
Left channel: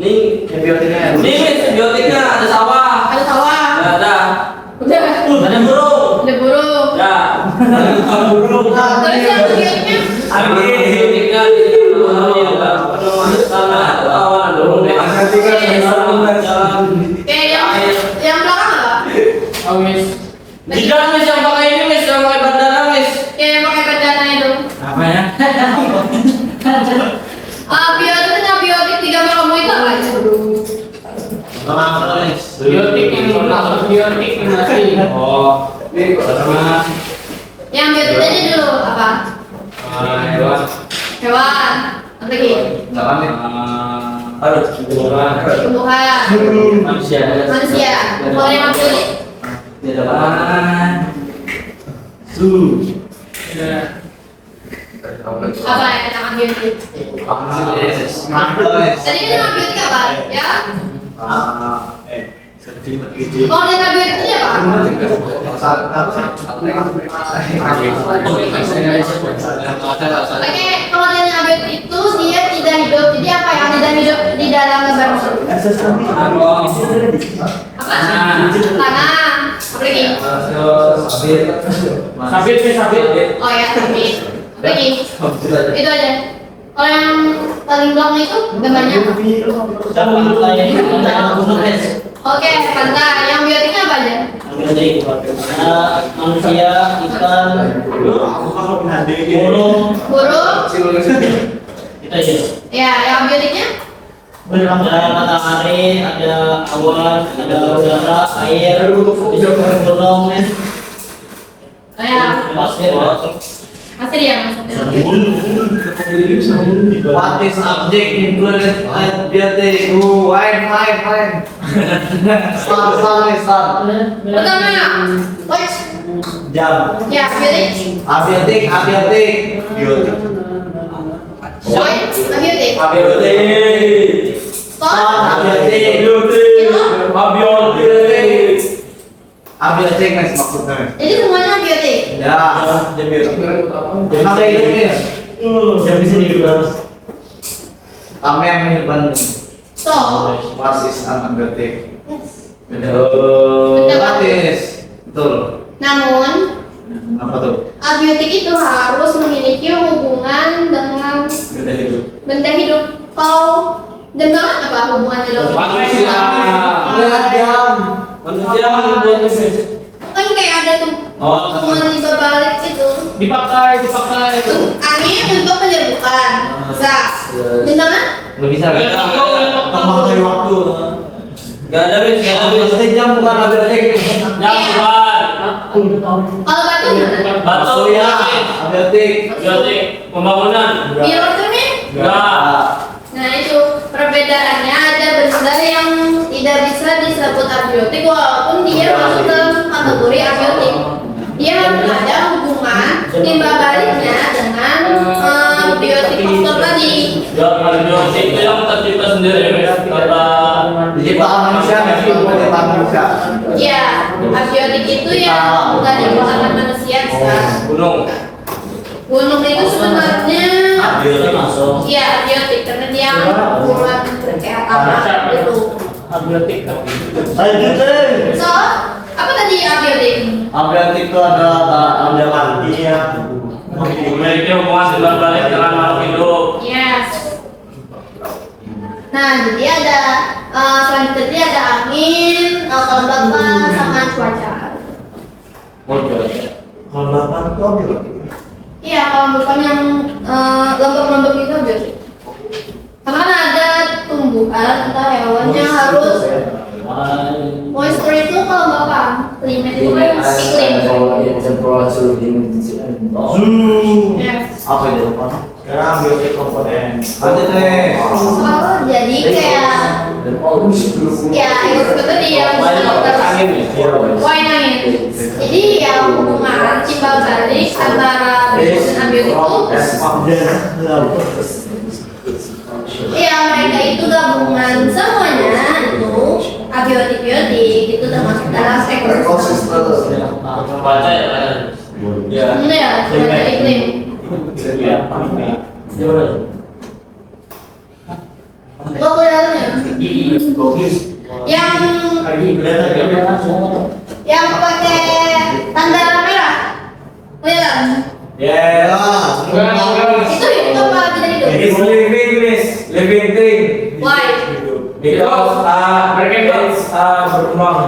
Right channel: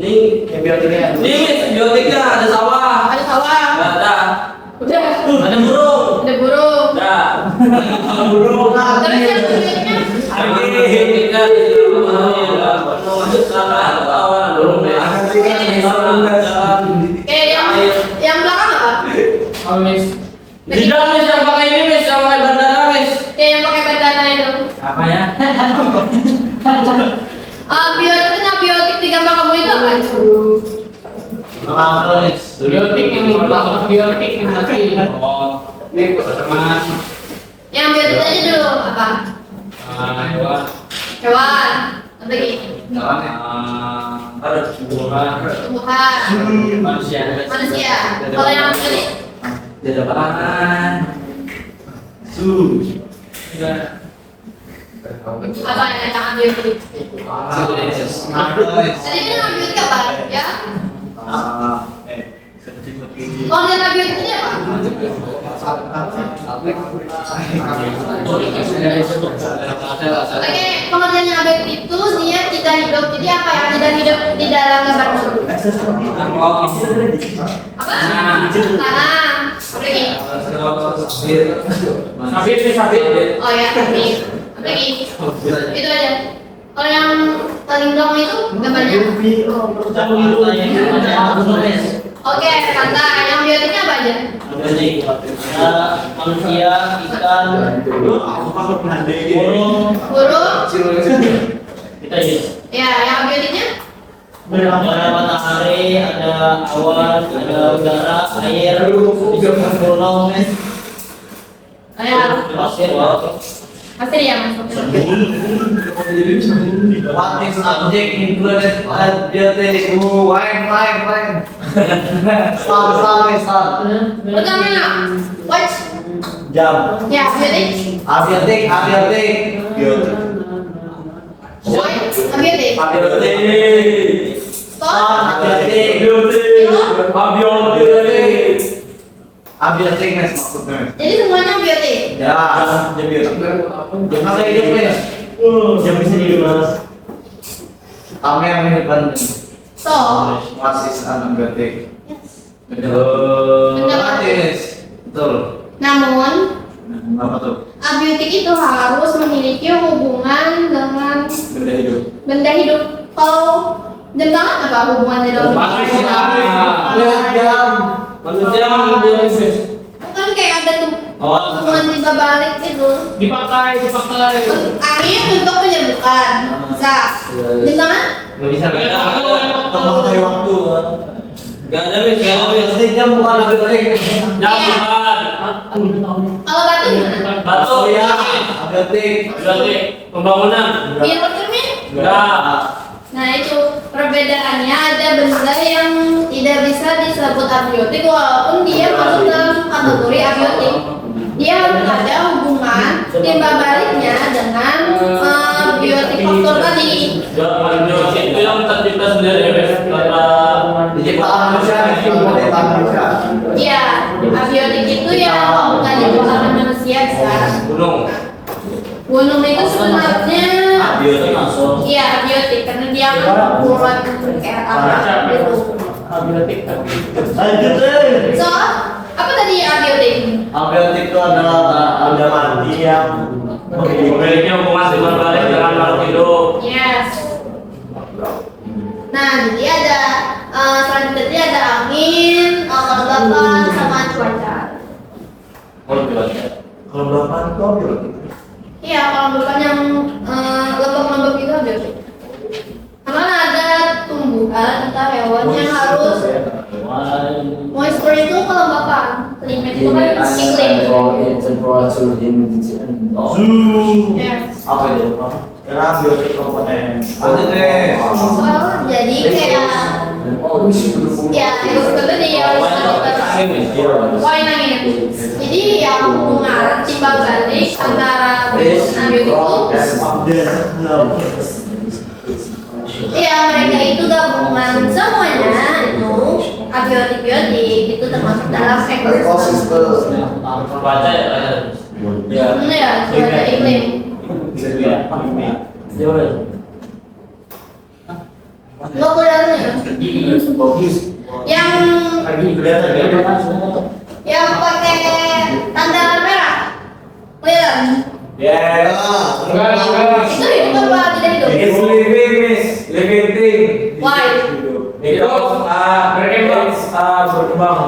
Ini Yang biotiknya ini biotiknya ada sawah, Ada sawah. ada Udah. ada burung, Ada burung. ya burung. Terus yang biotiknya? biotiknya sama awan burung ya. Kayak yang belakang apa? Mis. Tidak mis yang pakai ini mis yang pakai bandana mis. Kayak yang pakai bandana itu. Apa ya? Biotik dan abiotik di gambar kamu itu apa? Biotik yang masuk biotik ini nanti. Oh, ini sama Yang biotik aja dulu apa? hewan. Hewan. Apa lagi? Ada tumbuhan. Tumbuhan. Manusia. Manusia. Kalau yang abiotik? Tidak apa. Apa yang abiotik? Tadi kan abiotik apa? Ya? Kalau yang abiotik itu apa? Oke, kalau yang abiotik itu dia tidak hidup. Jadi apa yang tidak hidup di dalam gambar tersebut? Apa? Tanah. Apa lagi? Sabit sih sabit. Oh ya, sabit. Apa lagi? Itu aja. Kalau yang paling belakang itu gambarnya apa? Oke, pantai. Yang biotiknya apa aja? Manusia, ikan, burung, Burung. itu aja. Ya, yang biotiknya? Ada matahari, ada awan, ada udara, air, gunung, Oh ya, pasir. masih dia masuknya. What is object included at biotic? Fine. Start. Pertama, watch. Jam. Ya, biotik. Abiotik. Biotik. Joy, abiotik. Abiotik. Stop. Abiotik. Abiotik guys maksudnya. Jadi semuanya biotik. Ya, jam biotik. Jam bisa hidup guys. Jam bisa hidup mas. Kamu yang menyimpan So, wasis antibiotik. yes. Gratis. Betul. Namun, Apa tuh? abiotik itu harus memiliki hubungan dengan Benda hidup. benda hidup. Kalau dengan apa hubungannya dengan Manusia. Manusia membuat kan kayak ada tuh hubungan di balik itu. dipakai. Akhirnya bentuk penyerbukan. Bisa. Dengan Nggak bisa. Nggak ada. Memakai waktu. Gak ada wis, gak ada wis. Jam bukan abiotik. Jam bukan. kalau batu gimana? Batu ya. Abiotik. Berarti pembangunan. Mirror cermin? Enggak. Nah itu perbedaannya, ada benda yang tidak bisa disebut abiotik walaupun dia masuk dalam kategori abiotik. Dia harus ada hubungan timbal baliknya dengan biotik faktor tadi. Abiotik itu yang tercipta sendiri wis. Ciptaan manusia, ciptaan manusia. Ya, abiotik itu yang bukan diciptakan manusia bisa. Gunung itu sebenarnya Abiotik langsung. iya abiotik karena dia bulan kayak apa gitu. Abiotik. Lanjut deh. So, apa tadi abiotik? Abiotik itu adalah mandi yang Memiliki hubungan timbal balik dengan makhluk hidup. Yes. Nah, jadi ada selanjutnya ada angin, kelembapan, sama cuaca. kelembapan itu abiotik. Iya, kalau bukan yang lembab-lembab itu abiotik. Karena kan ada tumbuhan atau hewan yang harus moisture itu kelembapan, climate itu kan iklim. Yes. Apa itu? Karena abiotik komponen. Lanjut deh. Oh, jadi kayak ya ekosistem tadi yang wine angin. Jadi yang hubungan timbal balik antara abiotik itu ya mereka itu gabungan semuanya itu abiotik itu termasuk dalam ekosistem. Baca ya kan. Ya. Ya, sebagai iklim. Lo kuliahnya yang pakai tanda merah, kelihatan? Ya. Itu hidup apa tidak hidup? It's living thing. Why? Because mereka berkembang.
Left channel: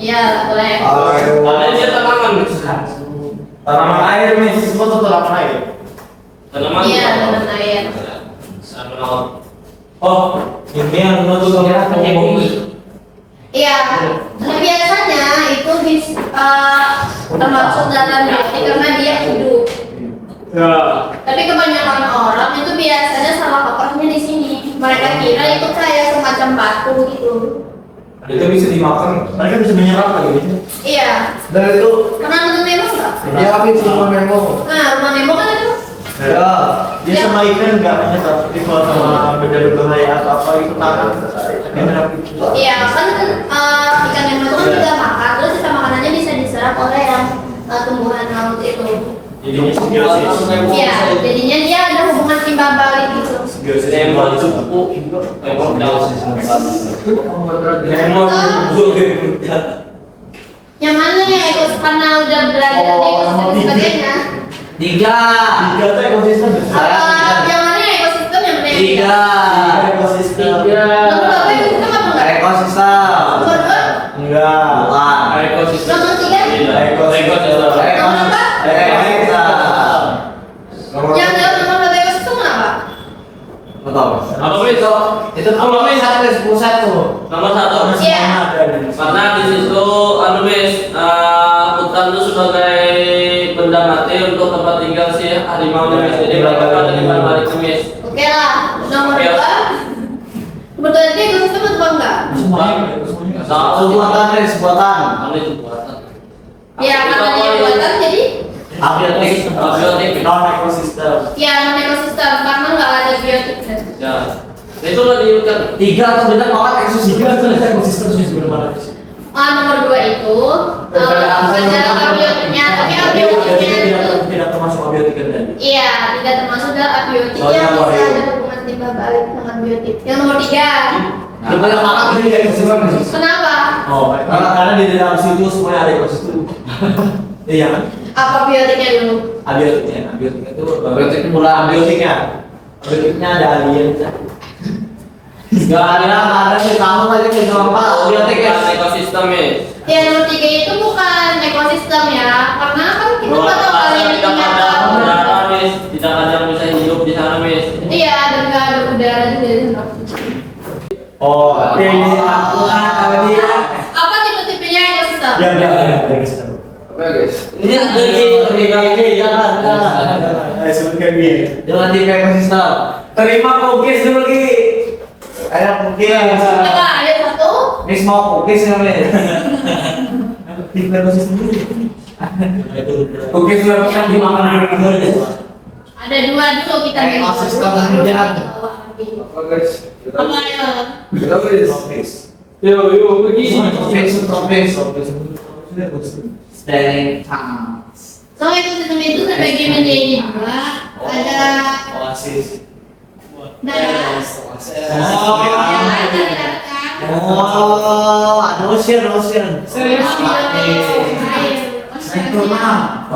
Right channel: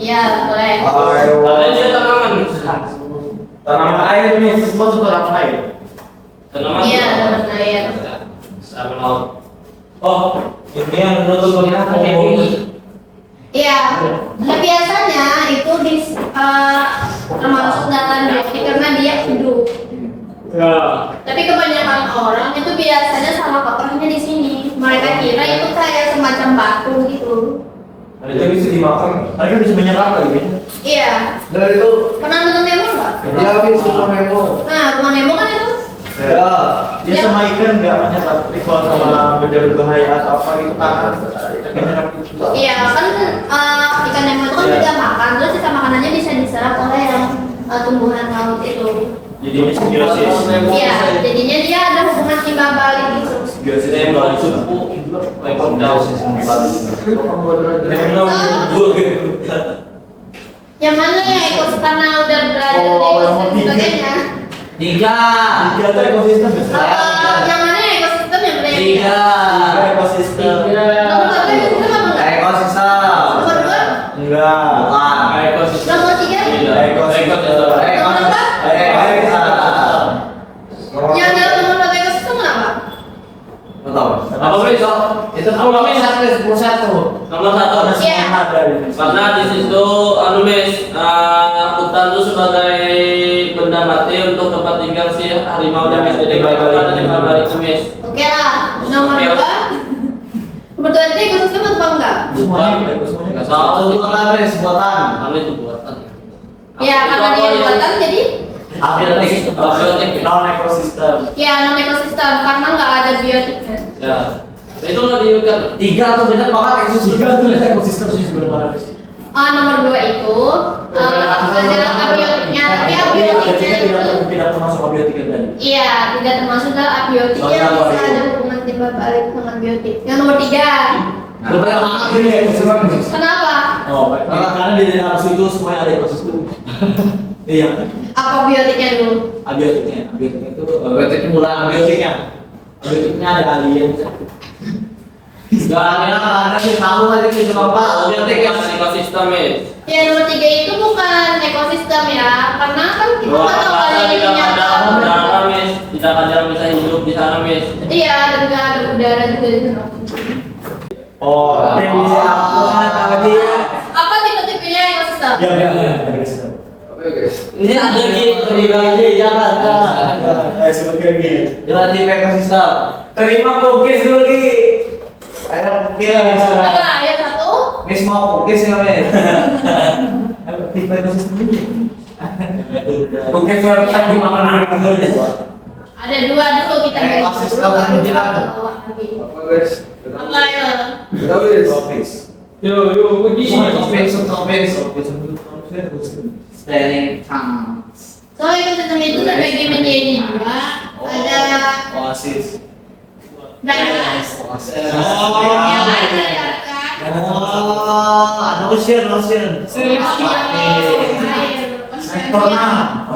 Iya, boleh. Ada dia tanaman. Tanaman air, Miss. Semua itu tanaman air. Tanaman. Iya, tanaman air. Sama laut. Oh, ini yang menutup bumi. Iya. Nah, biasanya itu termasuk dalam biotik karena dia hidup. Ya. Tapi kebanyakan orang itu biasanya salah kaprahnya di sini. Mereka kira itu kayak semacam batu gitu. Itu bisa dimakan. Mereka bisa menyerap lagi. Iya. Dan itu Pernah nonton Nemo nggak? ya habis sama Nemo. Nah, rumah Nemo kan itu. Ya, dia sama ikan nggak menyerap. Ikan sama beda-beda kayak apa itu kan. Menyerap itu. Iya, kan ikan Nemo itu kan juga makan, terus sisa makanannya bisa diserap oleh yang tumbuhan laut itu. Jadi simbiosis. Iya, jadinya dia ada hubungan timbal balik gitu. Simbiosis Yang mau cukup lekor daun. Nemo Yang mana ya karena udah berada di ekosistem sebagainya. Tiga tuh ekosistem besar. Yang mana ya ekosistem yang beda? Tiga Ekosistem. Nomor berapa ekosistem apa enggak? Ekosistem. Nomor dua? Enggak. Ekosistem. Nomor tiga? Ekosistem. Nomor empat? Ekosistem. Yang jawab nomor berapa ekosistem apa? Betul. Apa wis? Itu nomor 1 Nomor satu. Iya. Karena di situ anu Miss, hutan itu sebagai benda mati untuk tempat tinggal si harimau dan Miss. Jadi mereka pada tinggal balik ke Miss. Oke lah. Nomor dua? Nomor dua itu ekosistem atau enggak? Nggak tahu. Buatan. Anu itu buatan. Ya, karena dia buatan jadi Abiotik. Abiotik. Non ekosistem. ya non ekosistem karena nggak ada biotiknya. Ya. Itu nggak diingat. Tiga atau benar banget ekosistem. Ekosistem sih sebenarnya. Nomor dua itu ada abiotiknya, tapi abiotiknya itu tidak termasuk abiotik kan? iya tidak termasuk dalam abiotik Soalnya yang apa bisa itu? ada hubungan timbal balik sama biotik. Yang nomor 3. Coba yang mana pilih ya ekosistem? Kenapa? Oh, karena di dalam situ semuanya ada ekosistem. Iya kan? Apa biotiknya dulu? Abiotiknya itu berarti mulai abiotiknya ada alien. Gak ada sih tahu aja kita apa abiotik ekosistem ya. Ya nomor 3 itu bukan ekosistem ya, karena kan kita nggak tahu alien itu tidak nyata. ada udara mis, tidak ada yang bisa hidup di sana mis. Iya, dan nggak ada udara juga di sana. Oh, Aku tahu dia. Apa tipe-tipenya ekosistem? ya ekosistem. Oke guys. Ini ada di Jakarta. Sebagai dia. Jalan di ekosistem. Terima cookies dulu Ki. Ayo cookies. Apa? Ayo satu. Miss mau cookies ya Miss. Tipe ekosistem ini. Cookies kita di mana? Ada 2 dulu kita bikin. Ekosistem Baru yang kita jalan. bawa lagi. Apa guys? Apa ya? Kita guys. Tropis. Yo, begini. Tropis. Standing sounds. So ekosistem itu terbagi menjadi 2. Ada Oasis. darat. Oh. Ya, ada darat kan? Oh, ada ocean. Oh, air.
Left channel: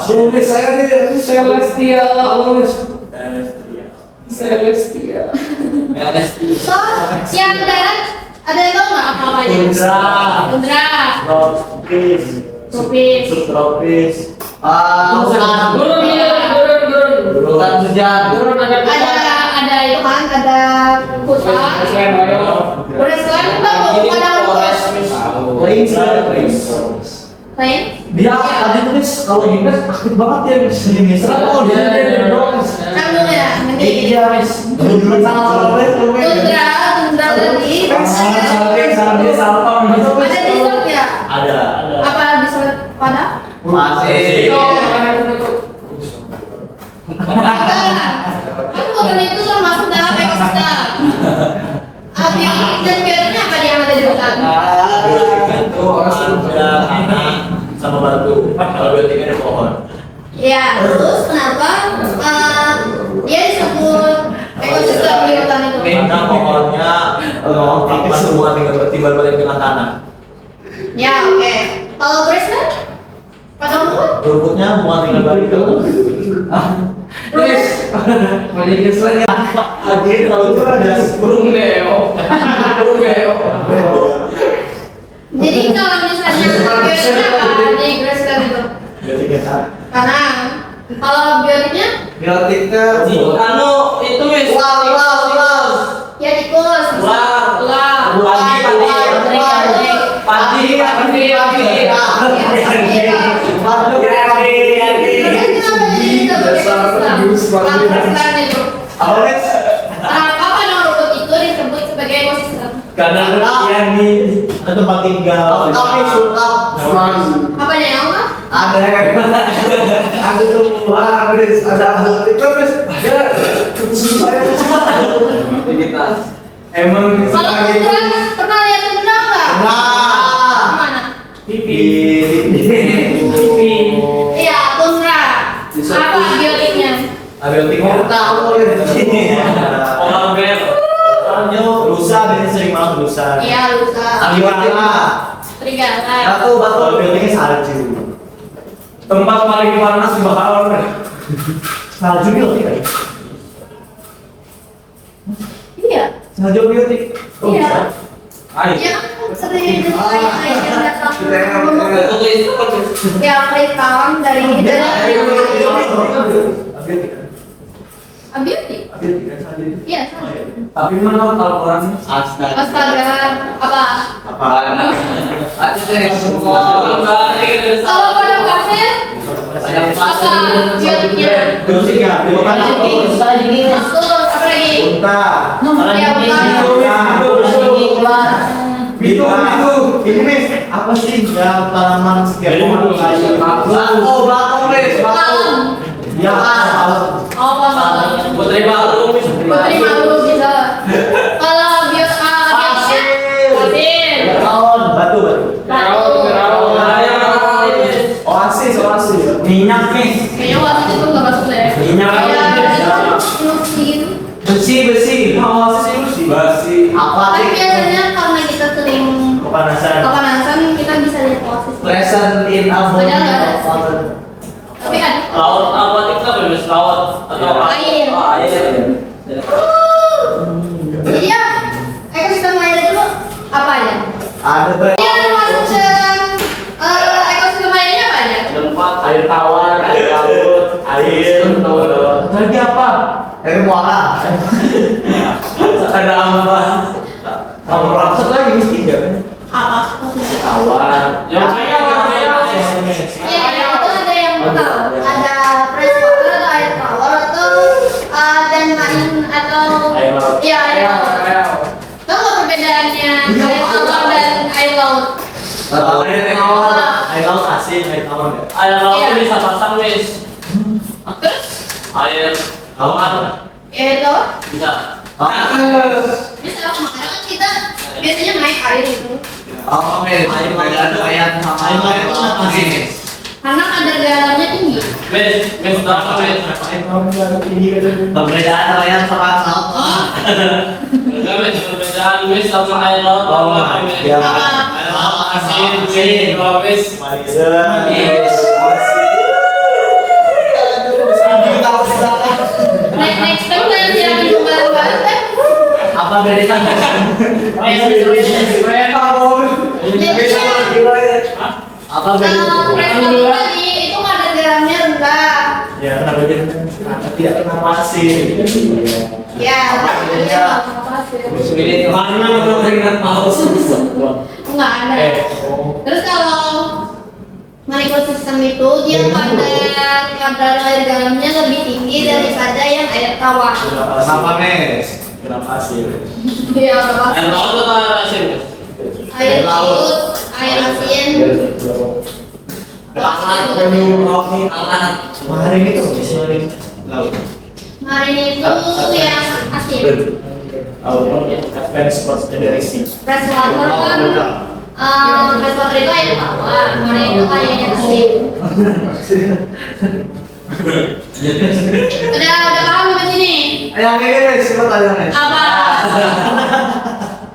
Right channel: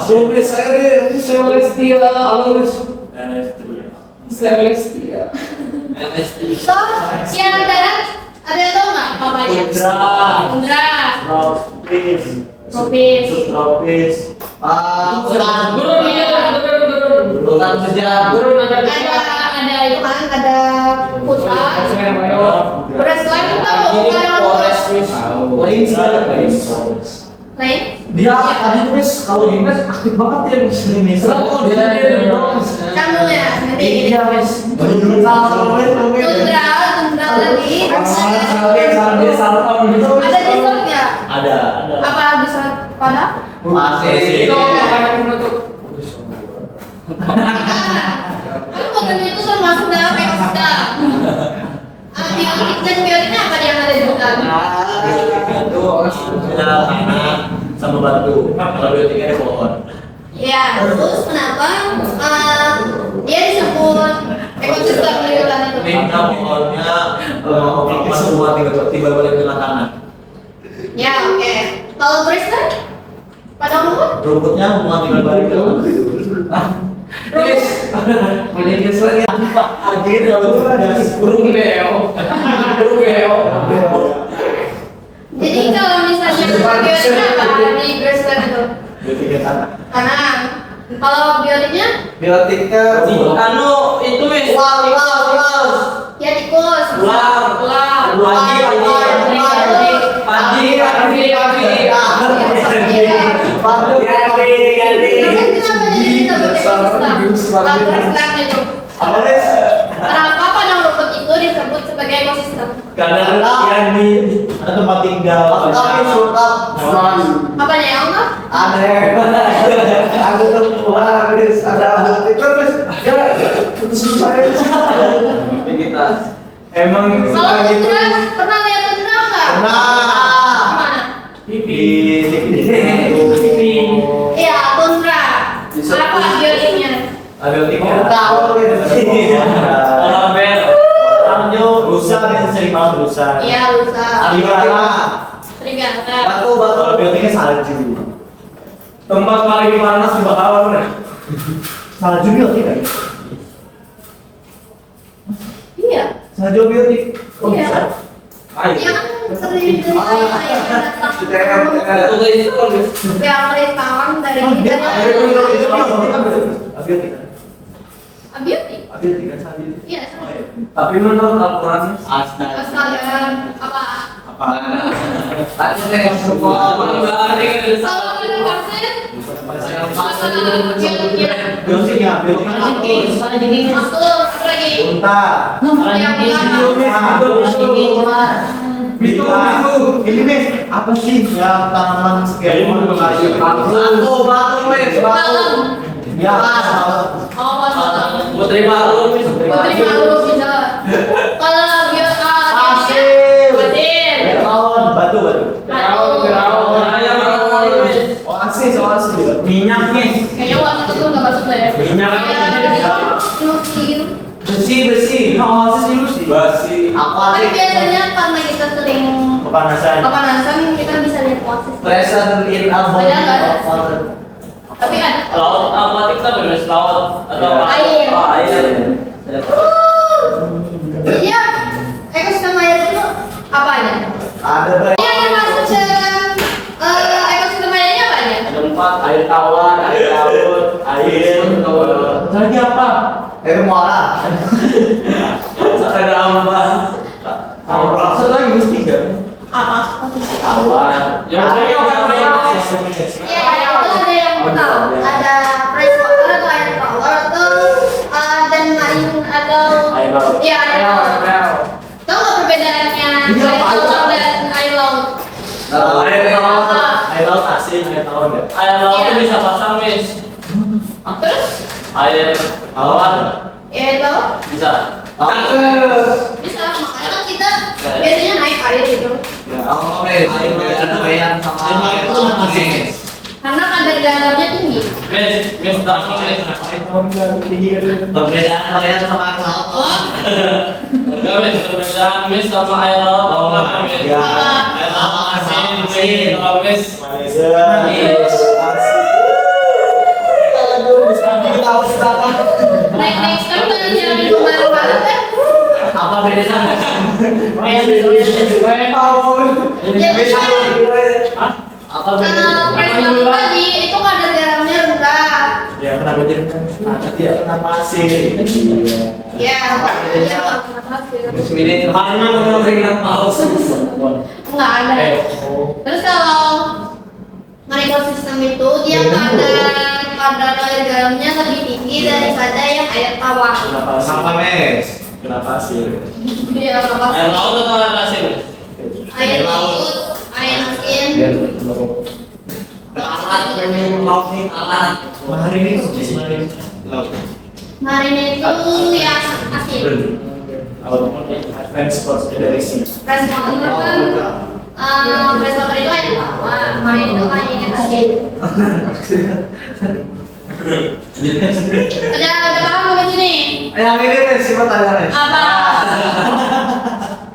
Tulis saya di Celestia. Halo guys. Celestia. So, yang darat ada yang tahu nggak apa aja? Tundra. Tundra, Tropis. tropis, Subtropis. Hutan. Hutan hujan. ada itu kan, ada hutan. Grassland itu tahu bukan ada lain? Dia tadi tulis kalau Inggris aktif banget ya di sini. Serem dia. Sambung ya, nanti gini. Iya, Miss. Tundra tadi. Ada desertnya. Ada. Apa desert pada? Masih. Kan bukan itu termasuk dalam ekosistem. Biotik dan biotiknya apa yang ada di hutan? Itu ada tanah sama batu. Kalau biotik ada pohon. Ya, terus kenapa dia disebut ekosistem di hutan itu? Karena pohonnya lama semua tiba balik dengan tanah. Ya, oke. Kalau grassland? Pada umumnya? Rumputnya mau tinggal balik ke Guys. Mau jadi selain Akhirnya kalau itu ada burung beo. Burung beo. Jadi kalau misalnya biotiknya apa di grassland itu? biotiknya tanah. Karena kalau biotiknya Biotiknya Anu itu mis. ya tikus, Ular. Padi. Kenapa jadi disebut ekosistem? Grassland itu. Kenapa pada rumput itu disebut sebagai ekosistem? Karena yang di ada tempat tinggal. Apa nih yang apa? Ada wah guys, ada itu guys. Ya kita emang Kalau tundra, pernah lihat tundra nggak? Mana? Iya, tundra. Apa biotiknya? Biotiknya tahu Polar bear. Anjo rusa dan sering banget rusa. Iya, lusa. Serigala. Serigala. Kalau biotiknya salju. tempat paling panas di bakalan. Salju biotik. Iya. Salju biotik. Kok Iya. bisa? Ayo. Iya kan sering air yang datang. Kita yang Ya, kristal dari abiotik. Iya, sama. Tapi menurut Al-Quran Astaga, apa? Kalau Kalau pada pasir, apa biotiknya? Biotiknya, biotiknya Masuk, apa lagi? unta. Ya, Itu. Ini Miss, apa sih yang tanaman setiap pohon kayu? Batu, Miss, batu. Ya, Oh, pasal. Putri Malu mis. Putri malu bisa. Kalau pasir. batu. Oasis. Minyak Miss. Kayaknya waktu itu nggak masuk deh. Minyak. Kayak nuklir. Besi Besi. Besi. Tapi biasanya karena kita sering kepanasan kita bisa lihat oasis. Present in a body Ada nggak? of water. Tapi kan Laut aquatic kan bebas laut atau Air. Oh, air. jadi ya ekosistem air itu apa aja? Ada banyak. Yang termasuk ekosistem airnya apa aja? Tempat air tawar, air laut, air. Lagi apa? Air muara. Ada apa? Tawar. Satu lagi mesti kan? Tawar. Ya, kayaknya Ya, itu ada yang tahu. Ada freshwater atau air tawar atau dan marine atau Air laut. ya air tawar. Tahu nggak perbedaannya air tawar dan air laut? Air laut asin, air tawar enggak? air laut itu bisa pasang, Miss. Terus Air tawar air tawar bisa. bisa makanya kan kita biasanya naik air gitu. Karena kadar garamnya tinggi. Miss, tahu, Miss. Perbedaan air sama laut. Enggak, Miss, perbedaan Miss sama air laut. Tahu nggak, Miss? Ya. Air laut asin, Miss. Kalau Miss, Next time kalian jangan minum bareng-bareng ya. Apa bedanya? Apa bedanya? Freshwater tadi itu kadar garamnya rendah. Ya kenapa dia? Tidak kenapa asin? Ya, iya, kenapa sih? Enggak ada. Terus kalau ekosistem itu dia kadar air garamnya lebih tinggi daripada yang air tawar. Kenapa Mes? Kenapa asin? Iya, air laut atau air asin, Miss? air laut, air asin. Hari ini tuh di sini laut. Marine itu yang asin. Advance sports dari sini. Freshwater kan, freshwater itu air tawar, marine itu airnya asin. Udah paham sampai sini? Ayo Mes, coba tanya Mes. Apa?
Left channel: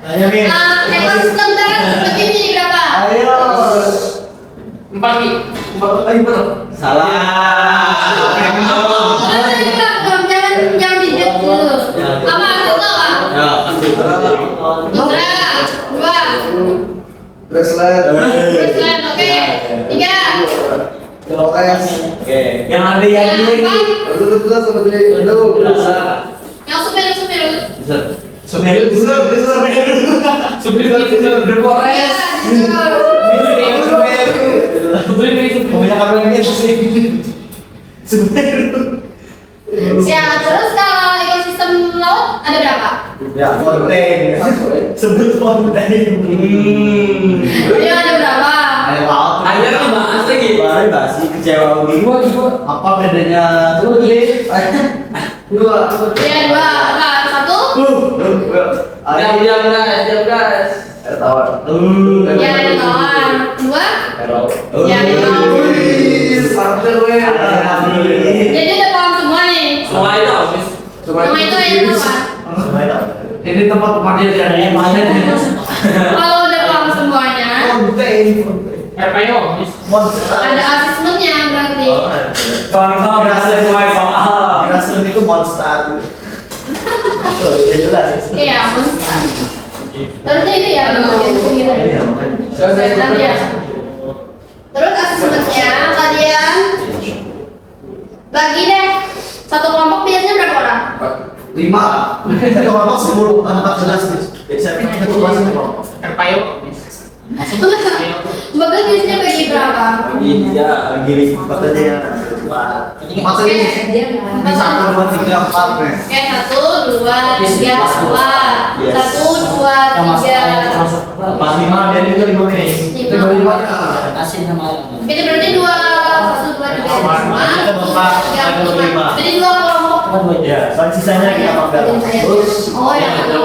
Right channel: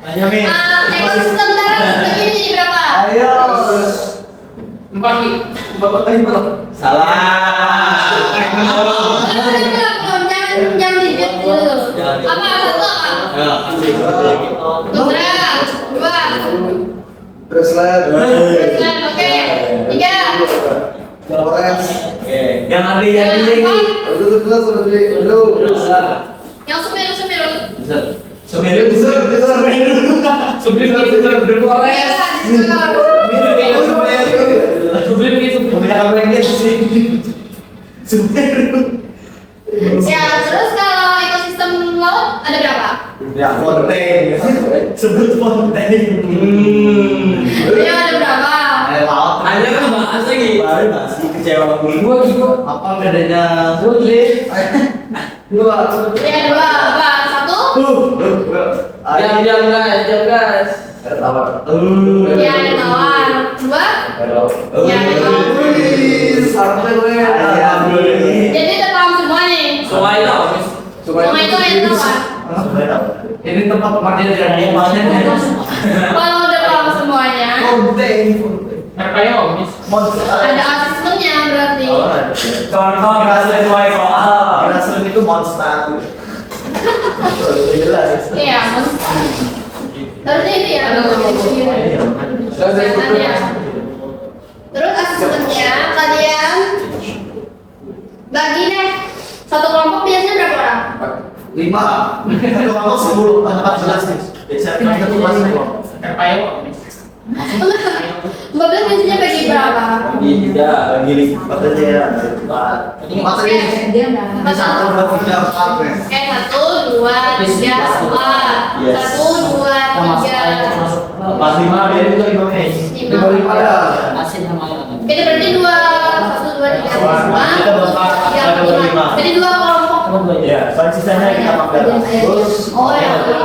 Ayo Mes. Ekosistem darat seperti ini berapa? Ayo. 4. Salah. Jangan digit dulu. Apa? Satu apa? Putra, dua, Bracelet. Brisland, oke. Tiga, Flores. Oke. Yang ada yang yang ini. empat, yang sumir. Sebenarnya Ya, terus kalau ekosistem laut ada berapa? ya fonten. Sebut fonten. Yang ada berapa? Air laut. Air tuh bahas lagi. Baru basi kecewa gitu. Apa bedanya? Dua. Ya, dua. Apa? Satu? Jam guys. Air tawar. Ya, ada tawar. Dua? Ya, ada tawar. Jadi udah paham semua nih. Semua itu apa, Miss? Semua itu air tawar. Ini tempat pemandian tidak ada yang mana? Kalau udah paham semuanya, RPO, Miss. ada asesmennya berarti. Contoh berhasil soal. Rasul itu monster. Jelas. Iya, monster. Terusnya itu ya, kegiatannya. Terus asesmennya kalian bagi deh. Satu kelompok biasanya berapa orang? 5. Satu kelompok 10 14 nih. Biasanya kita tuh masih kelompok. RPO, Miss. 15 biasanya bagi berapa? Iya, gini makanya masa ini ini 1, 2, 3, 4 Mes. Satu, dua, tiga, empat. Yes. Satu, dua, tiga. Pas 5 dia juga 5 Mes. 5 ada. Itu berarti dua, satu, dua, tiga, lima. Kita berempat, Tiga, ada lima. berlima. Jadi dua kelompok. Ya, soal sisanya kita pakai. Terus Oh ya, ya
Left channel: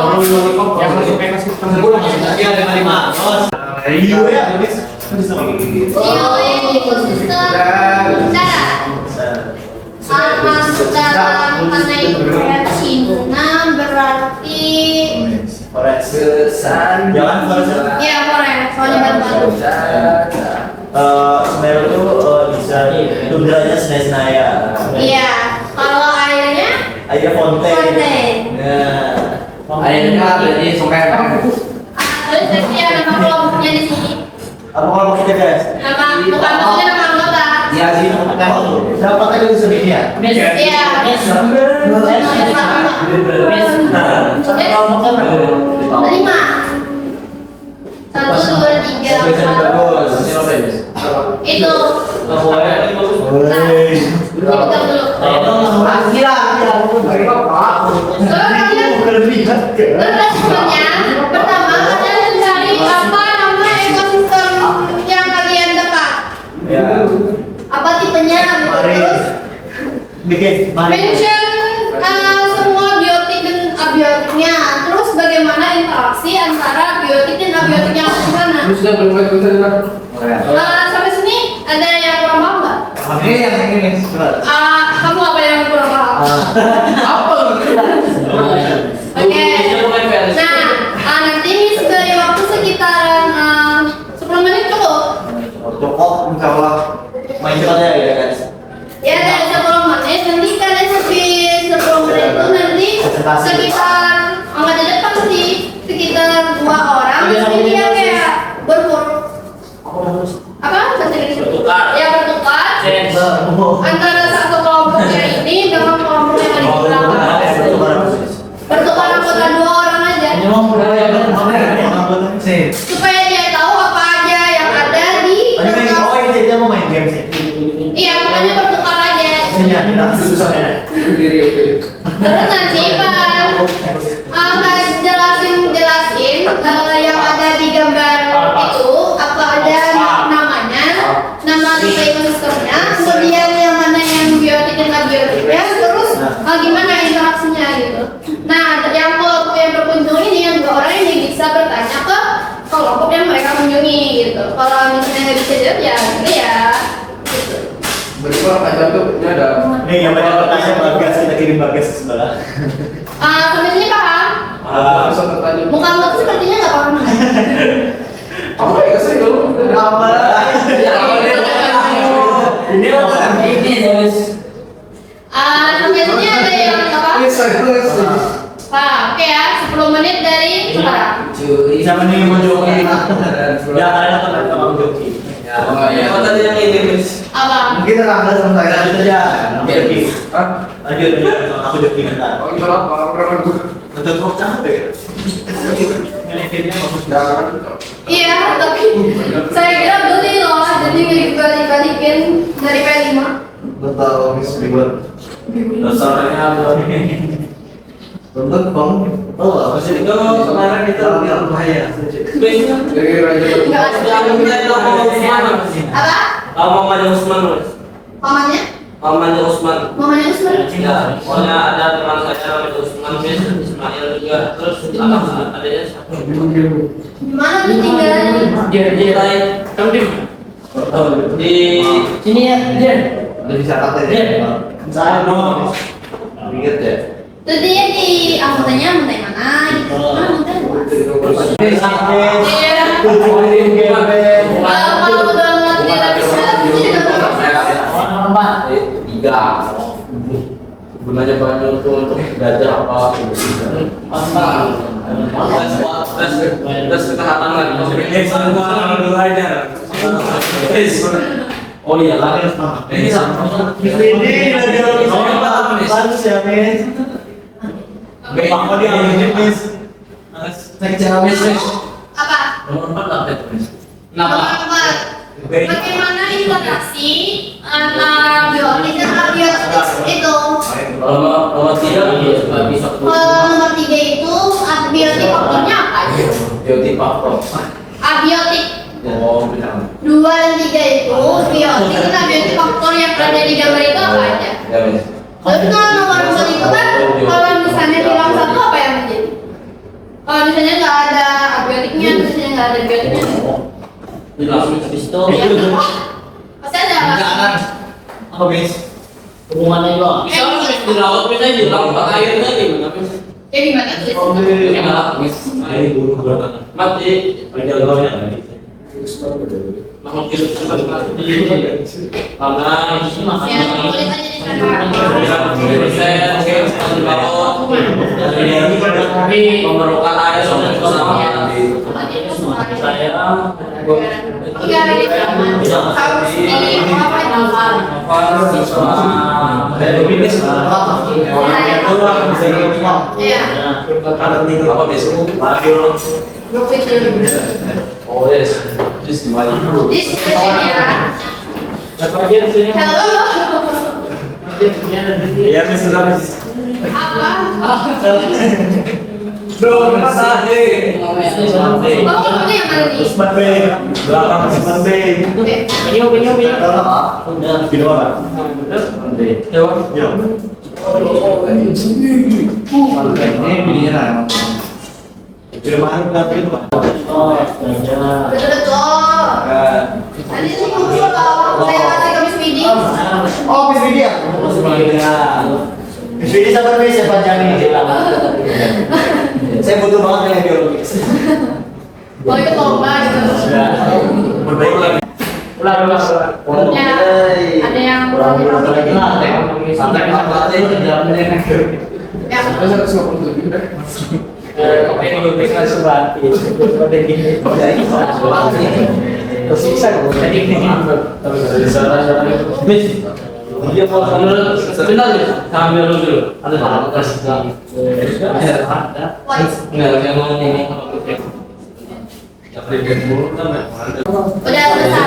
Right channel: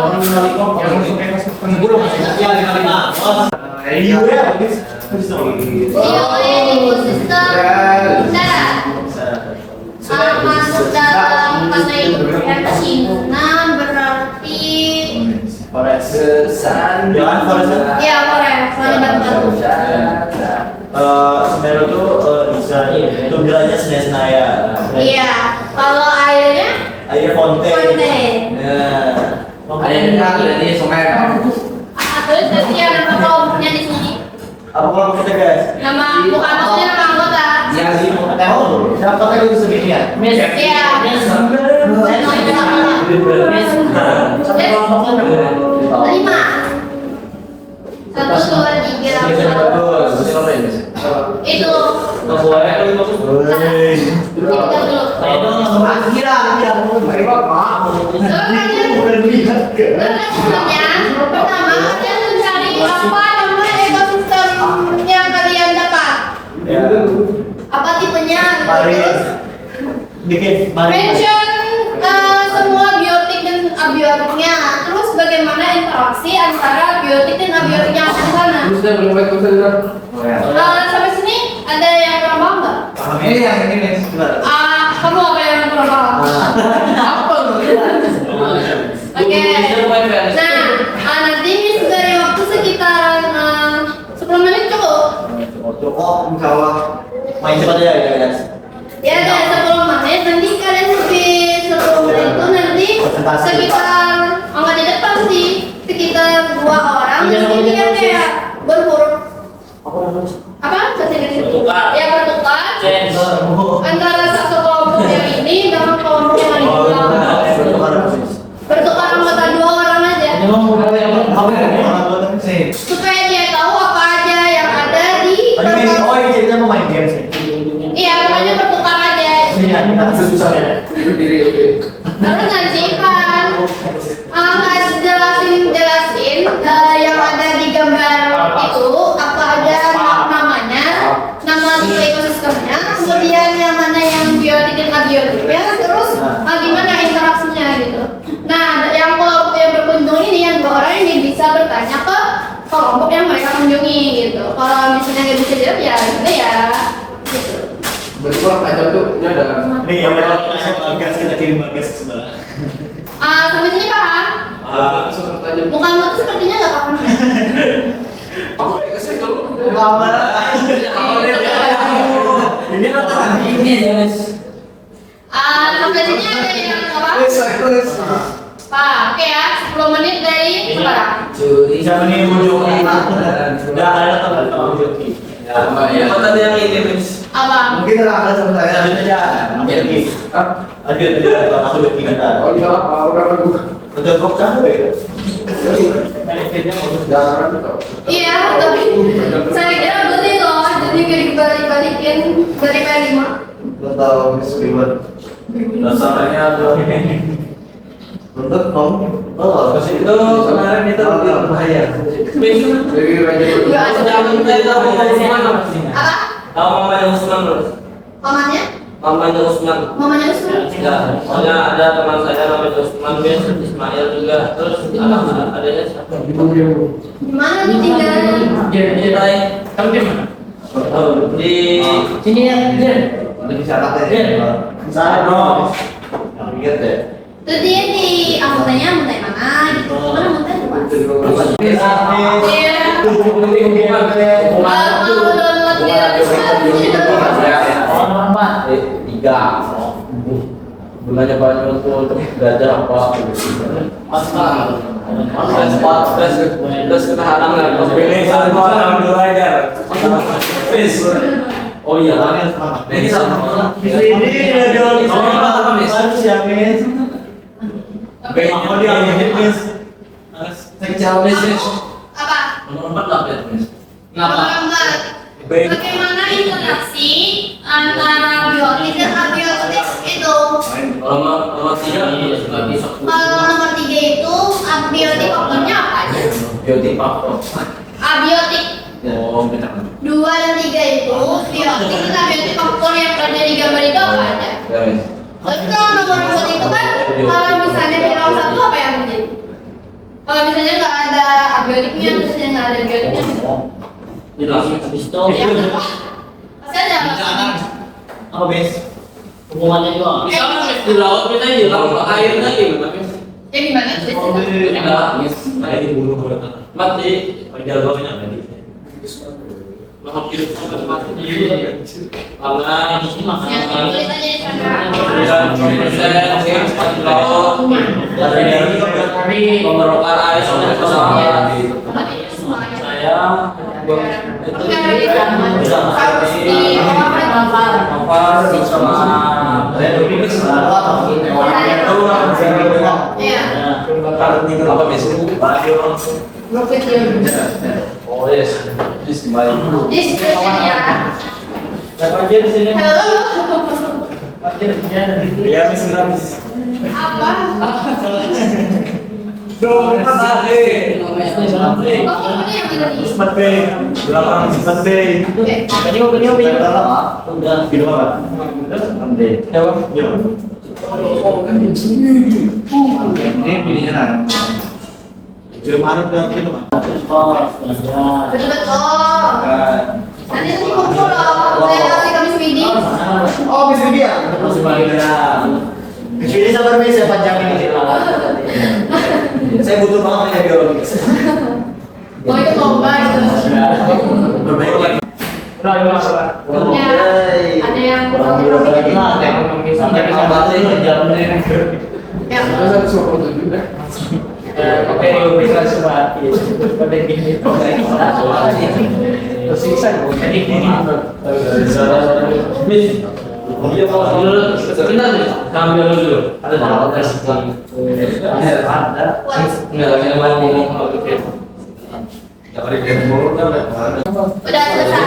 5. Iya ya, habis. ekosistem darat masuk dalam kategori Cina Jangan forest. Iya, forest, mana batu-batu. Semeru itu bisa tundranya senaya-senaya. Iya, kalau airnya Airnya fonten. fonten. Nah, Akhirnya jadi sungai. Terus ya nama kelompoknya di sini. apa kalau maksudnya guys? Nama bukan maksudnya nama anggota. Ya sih. Siapa kan itu sebenarnya? Iya. Lima. Satu, dua, tiga, empat. Itu. Nah, dipegang dulu. Sebenarnya pertama kalian mencari apa nama ekosistem yang kalian dapat. Ya. Apa tipenya? Mari bikin Mention semua biotik dan abiotiknya. Terus bagaimana interaksi antara biotik dan abiotik yang ada di sana? Terus dia belum baik betul kan? Sampai sini ada yang kurang paham nggak? Ini yang ini coba. Kamu apa yang kurang paham? Apa? Oke. Nah, nanti Miss dari waktu sekitaran 10 menit cukup. Cukup, insya Allah. Main cepat ya guys. Ya, dari 10 menit. Nanti kalian habis 10 menit itu nanti Presentasi. sekitar angkat di depan sih sekitar 2 orang. Iya, Nanti dia iya. kayak berhuruf apa? Bahasa Inggris. Bertukar. Ya, bertukar Change. antara satu kelompoknya ini dengan kelompok yang ada di belakang. Bertukar anggota 2 orang aja. Supaya dia tahu apa aja yang ada di kelompok. Oh ini cerita mau main game sih. Iya, pokoknya bertukar aja. Iya, kita susah ya. Terus nanti Pak akan jelasin yang ada di gambar itu apa aja namanya, nama ekosistemnya, kemudian yang mana yang biotik dan abiotiknya, terus gimana interaksinya gitu. Nah, yang kelompok yang berkunjung ini yang 2 orang ini bisa bertanya ke kelompok yang mereka kunjungi gitu. Kalau misalnya nggak bisa jawab ya, gitu. Berkurang aja tuh, ini ada. Nih yang mereka bertanya bagas, kita kirim bagas ke sebelah. Sampai sini paham? Langsung bertanya. Mukamu tuh sepertinya nggak paham. Aku kayak kesini dulu. Ini apa? Sampai sini ada yang apa? Pak, oke ya, 10 menit dari sekarang. Siapa nih mau joki? Ya ada teman sama joki. Oh, tadi yang ini, Miss. Abang. Mungkin terangkan sama saya lanjut aja. Joki. Hah? Lanjut aku joki bentar. Oh, bisa apa? Orang gue. Untuk kok capek ya? Jangan. Iya, tapi saya kira beli loh, jadi nggak dibalik-balikin dari P5. Betul, Miss River. Dasarnya ada. Untuk kamu. Oh, Itu kemarin kita bahaya. Jadi raja Nggak ada. Yang mulai tahu Mama Usman. Apa? Tahu Mamanya Usman, Bro? Pamannya? Mamanya Usman. Mamanya Usman? Ya, soalnya ada teman saya namanya Usman, Bis, Ismail juga. Terus adanya siapa? Gimana nih tinggal? Di lain. Kamu di mana? Di Sini ya, Jen. Udah bisa pakai ya? Saya no. Ingat deh. Terus dia di anggotanya anggota yang mana gitu? Mana anggota dua? Iya. Kalau udah mati dari sana, dia juga bisa. 3. Gunanya banyak untuk belajar apa? Terus ketahanan lagi. Oh iya, kan? Ini sama. Ini udah jawab bagus ya, Miss. Aku dia Miss. Saya kecewa, Miss. Apa? Nomor 4 lah, Miss. Nomor 4. Bagaimana interaksi antara biotik dan abiotik itu? Nomor 3 juga bisa. Kalau nomor 3 itu abiotik faktornya apa aja? Biotik faktor. Abiotik Oh, benar. 2 dan 3 itu biotik dan abiotik faktor yang berada di gambar itu apa aja? Ya, Miss. Terus kalau nomor 4 itu kan kalau misalnya hilang satu apa yang menjadi? Kalau misalnya nggak ada abiotiknya, terus misalnya nggak ada biotiknya, Di langsung di situ. ya pasti ada alasan. Apa, Miss? Hubungannya juga. Bisa di laut, bisa di laut airnya gimana, Miss? Ya gimana tuh? Makhluk hidup karena Ya, tulisannya di sana. memerlukan air sampai ke sana. Saya Enggak, ini harus di apa Iya. Oh yes, this kembali. This question ya. dapat aja di sini. Halo. Ya, Miss Ram. Apa? Dong, masih. Oh, kamu yang mana nih? Mande. Belakang si Mande. Penyu. Udah, video apa? Mande. Yo. Ini pilihnya nah. Film Arab kan film apa? Betul. Nanti tuh kumpul loh. Saya kasih ke Miss Widi. Oh, Miss Widya. Masih panggilnya. Miss Widya sabar Miss, saya panjangin kita. Saya butuh banget ya biologi. Mau ikut lomba gitu. Berbaik lagi. Ya, ada yang kurang lagi. Sampai bisa baca ini jamnya. Ya. Saya 127 deh. Oke, bisa sebati. Pada gini. Tersisa Miss, dia mau sebentar sambil dulu. Ada enggak yang mana ini? Udah selesai.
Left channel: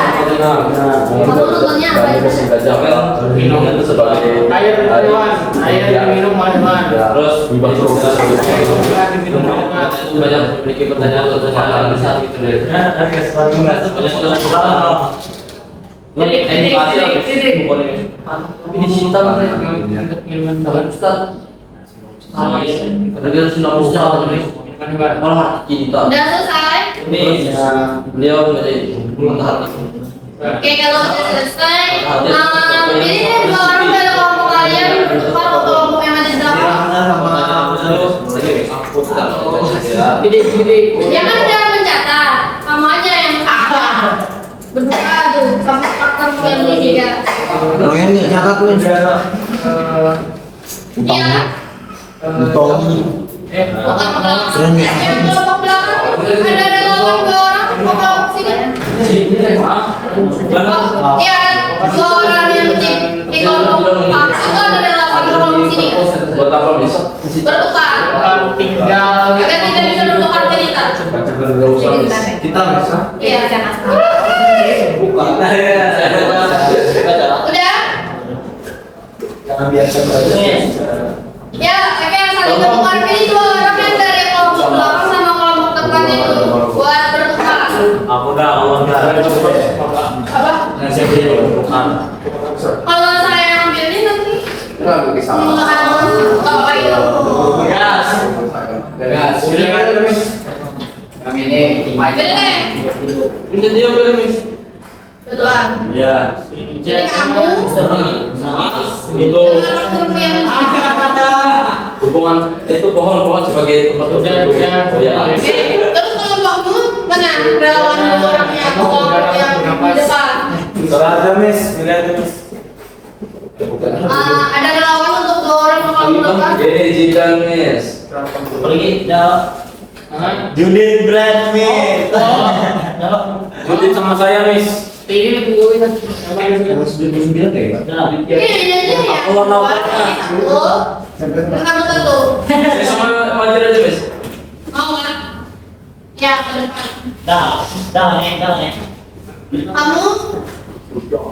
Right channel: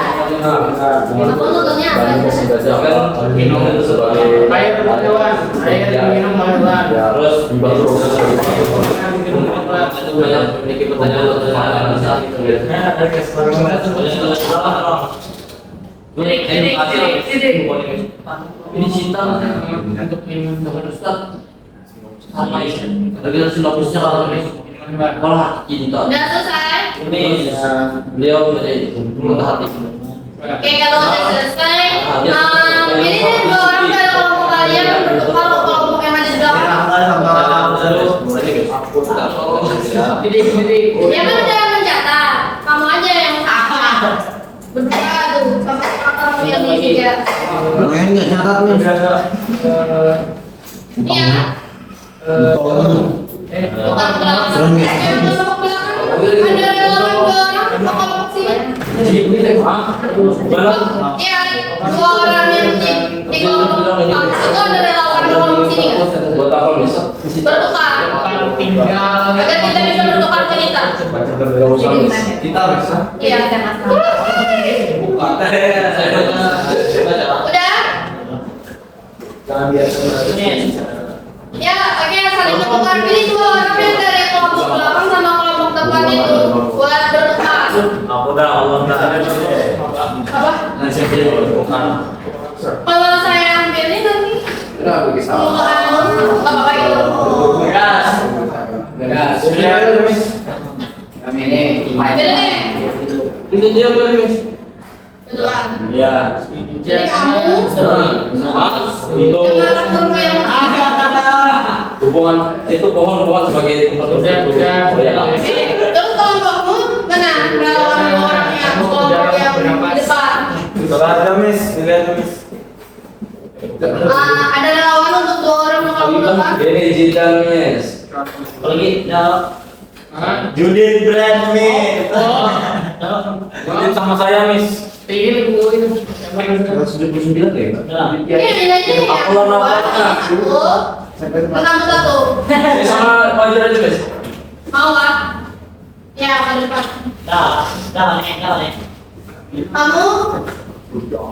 Kamu nontonnya apa? Minum itu sebagai air minum terus banyak memiliki pertanyaan besar gitu ini cinta untuk minuman bahan Ustaz sama ini kita sinopsisnya malah jadi tak Udah selesai. ini beliau menjadi hati. Oke, kalau udah selesai, ini deh 2 orang dari kelompok kalian. Kalau kelompok yang ada di belakang, dia kan udah mencatat. Kamu aja yang berdua tuh sampai faktor yang ini juga. Namanya catat nih. Iya. Bukan kelompok belakang. Ada relawan 2 orang kelompok sini. Oh, iya, 2 orang yang di kelompok itu ada relawan kelompok sini. Buat apa besok? Bertukar. Tinggal Agar kita bisa bertukar cerita. Kita bisa. Iya, jangan. Udah? Jangan biasa Ya, oke, saling bertukar. Pilih 2 orang yang dari kelompok belakang sama kelompok depan itu buat bertukar. Aku udah Apa? Nasi bukan. Kalau saya ambil ini nanti Kenapa bisa? apa itu? Gas. Kami ini Beda deh. itu dia boleh Miss. Betulan. Ya. Jadi kamu Itu dengan guru yang hubungan itu pohon sebagai tempat Oke, terus kelompokmu mana? Relawan 2 orang yang kelompok yang di depan. Ada Miss, ada Miss. Ada relawan untuk 2 orang yang kelompok depan. Ini digital Miss. Pergi Judith Brand Miss. Judit sama saya Miss. Ini lebih ini. 129 ya, Pak? Ini aja ya. Aku lama banget. Kamu 1. Saya sama Fajar aja Miss. Mau kan? Ya, ke depan. Nih. Kamu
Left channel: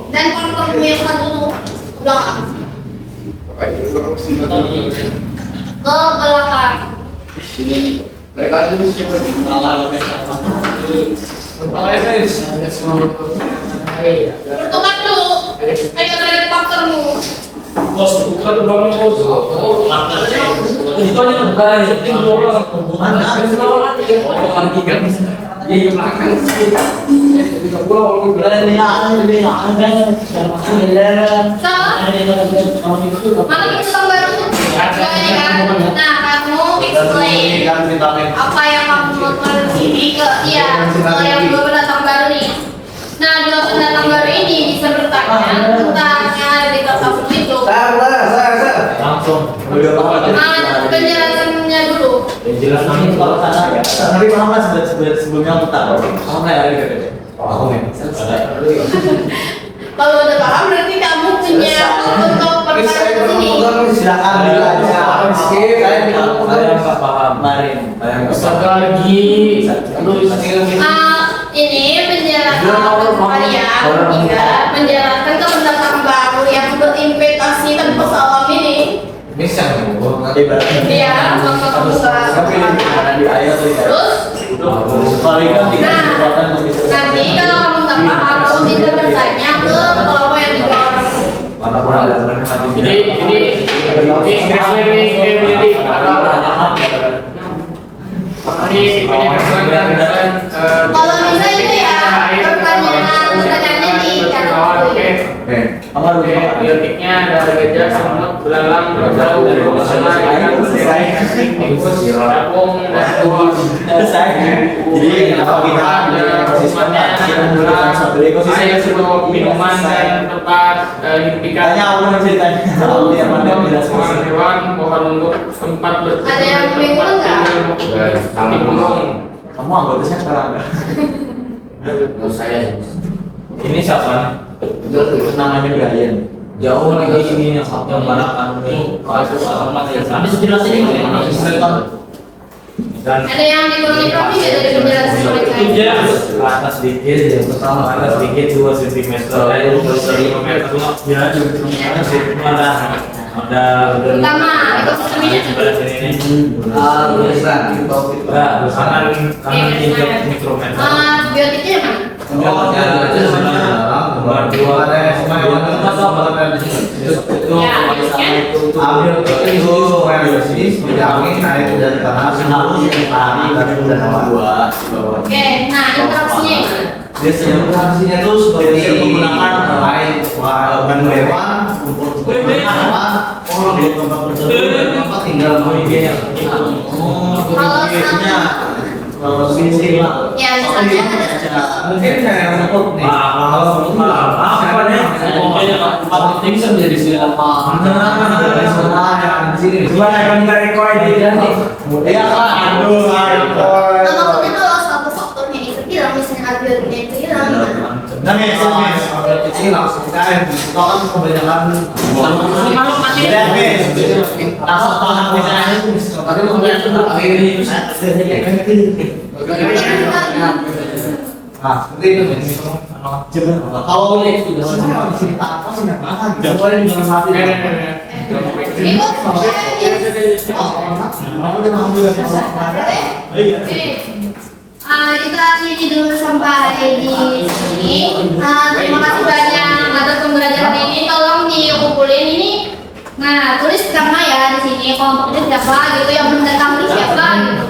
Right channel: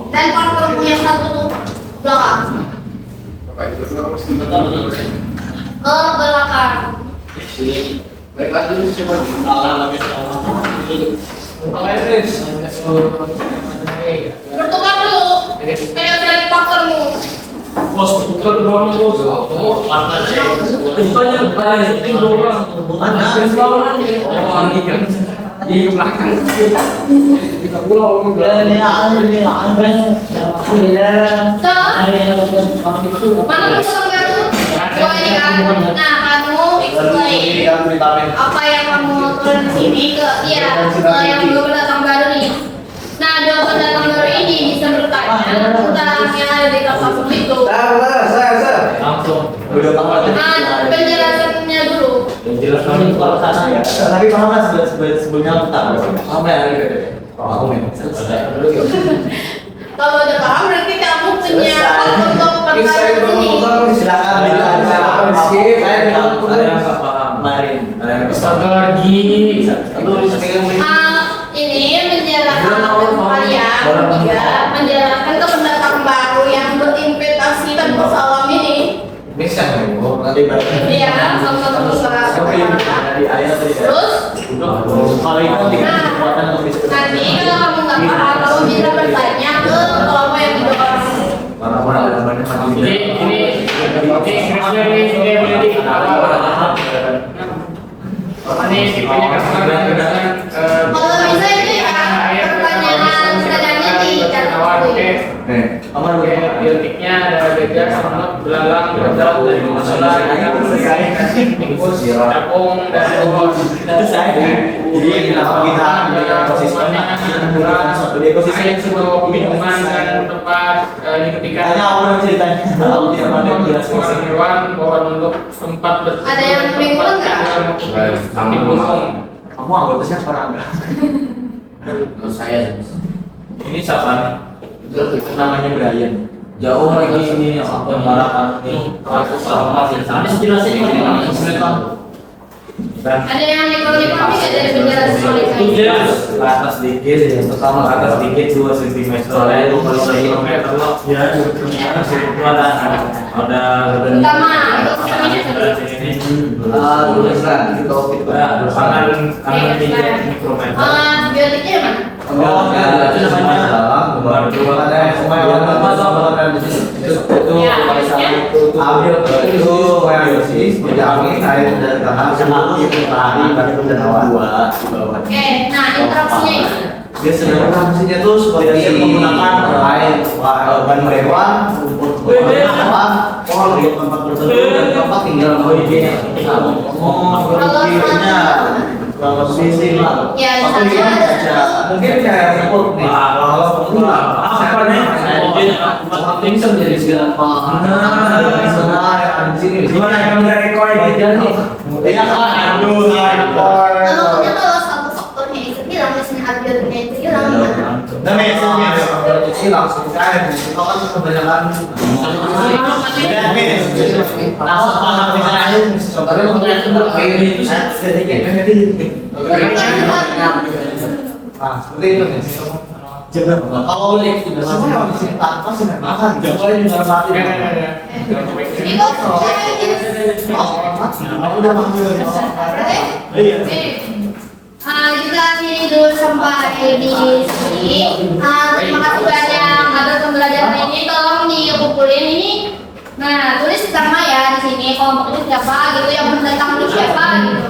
dan partnermu yang 1 tuh belakang. Ke belakang. mereka aja nih siapa nih? Bertukar dulu. Ayo dari partnermu. Bos, bukan berapa bos? Itu aja bukan yang penting 2 orang. Lagi kan? Iya belakang. Kita pulang kalau So, mana yang tukang baru? Gua ini kan. Nah, kamu ikut explain apa yang kamu lakukan ini ke yang dua pendatang baru nih. Nah, dua pendatang baru ini bisa bertanya tentang yang ada di kertasmu itu. Langsung. Penjelasannya dulu. Penjelasan itu kalau sana ya. Tapi paham lah sebelumnya petak. Paham ya? Aku memang selesai. Kalau udah paham berarti kamu punya untuk pertanyaan ini. Silakan ditanya. Saya yang nggak paham. Kemarin. Satu lagi. Ini menjelaskan kalian juga menjelaskan ke pendatang baru yang berinvestasi tanpa salam ini. Bisa nih, Iya, kamu Di ayat terus. kalau itu tinggal kekuatan untuk bisa. Nanti kalau kamu nggak paham, kamu bisa bertanya ke kelompok yang didorong. Ini kira-kira ini menjadi ini punya kesalahan dengan Kalau bisa itu ya pertanyaan sederhananya di kategori. Oke, biotiknya ada gajah, semut, belalang, beradal, dari masalah, tikus, capung, dan buah. Selesai. Jadi kenapa kita punya ekosistem? Satu ekosistem Air, sebuah minuman dan tempat dihentikan. Tanya aku yang ceritanya. Aku yang mana Pohon hewan, pohon untuk tempat Ada yang bingung nggak? di gunung. Kamu anggota siapa enggak? Saya. Ini siapa? Itu namanya Brian. Jauh lagi ini yang mana kan? Ini sejelasnya ini dan Ada yang dikulik tapi nggak dari penjelasan mereka. ke atas dikit ya, pertama ke atas dikit 2 cm lalu kalau kilometer ya ada Pertama, ekosistemnya kanan tiga mikrometer. Biotiknya mana? Nomor 2 Oke, nah interaksinya gimana? Dia sedang transinya tuh seperti menggunakan ban hewan untuk di tempat tertentu dan tempat tinggal biasanya kalau sini Ya, misalnya ada satu mungkin kayak seperti nih apa nih? Ini bisa menjadi siapa? di sini Gimana kamu nggak rekor ini? ya kan maksudnya kalau satu faktornya itu hilang, misalnya algoritmanya itu hilang, gimana? dan ini langsung kayak kan kebanyakan langsung paham misalnya Tapi mungkin itu air itu kalau semua di sini tanpa sih nggak makan nggak boleh di dalam hati Itu aku udah manggil kita tidur sampai di sini. Terima kasih banyak atas pembelajaran ini. Tolong dikumpulin ini. Nah, tulis nama ya di sini. Kelompoknya siapa gitu, yang mendatang ini siapa gitu.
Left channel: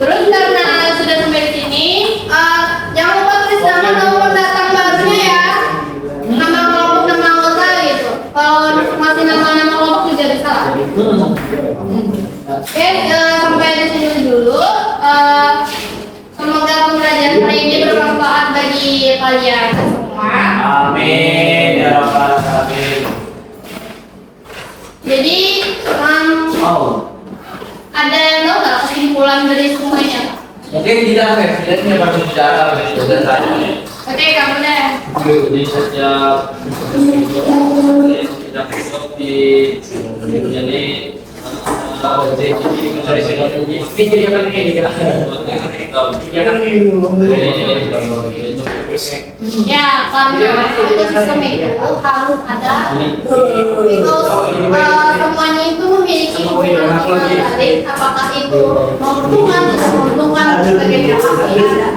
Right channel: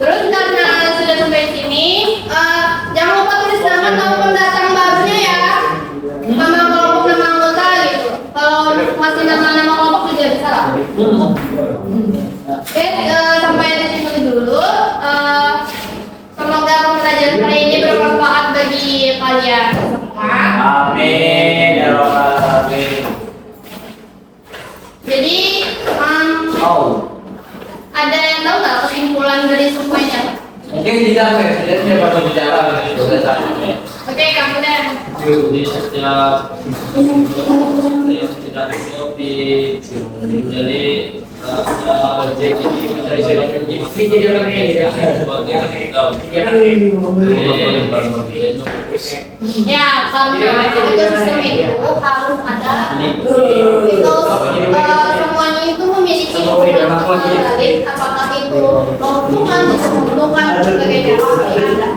Terus karena sudah sampai di sini, jangan lupa tulis nama pendatang barunya ya. Nama kelompok, nama anggota gitu. Kalau masih nama-nama kelompok juga bisa lah. Oke, sampai di sini dulu. Semoga pembelajaran hari ini bermanfaat bagi kalian semua. Amin ya rabbal alamin. Jadi, ada yang tahu nggak kesimpulan dari semuanya? Mungkin tidak presiden baru bicara sudah terakhir. Oke, kamu deh. Jadi sejak tidak di menjadi objek ini mencari silaturahmi. Ini jadi apa ini ya? Ya kan Ya, karena ekosistem itu harus ada itu semuanya itu memiliki hubungan terbalik, apakah itu menguntungkan atau menguntungkan dan sebagainya pasti ada.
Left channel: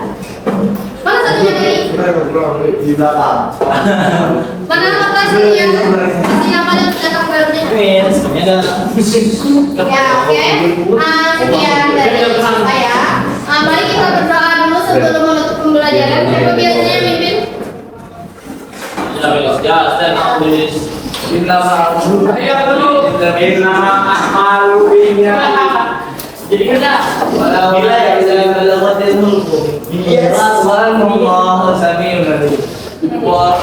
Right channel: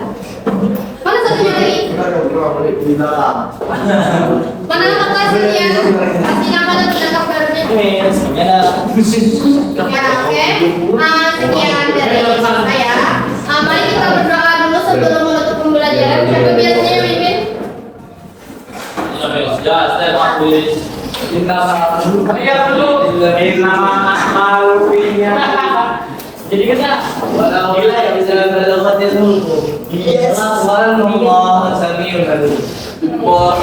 Mana satunya tadi? di dalam Mana lokasinya? Pasti nama dan pendatang barunya. sebenarnya Ya, oke. Sekian dari saya. Mari kita berdoa dulu sebelum menutup pembelajaran. Siapa biasanya mimpin? Ya, stand up please. Minta maaf. Iya dulu. Minta maaf malunya. Jadi kita Walau gila ya bisa melewati dulu. Yes. Subhanallah, Samiul Alim. Wa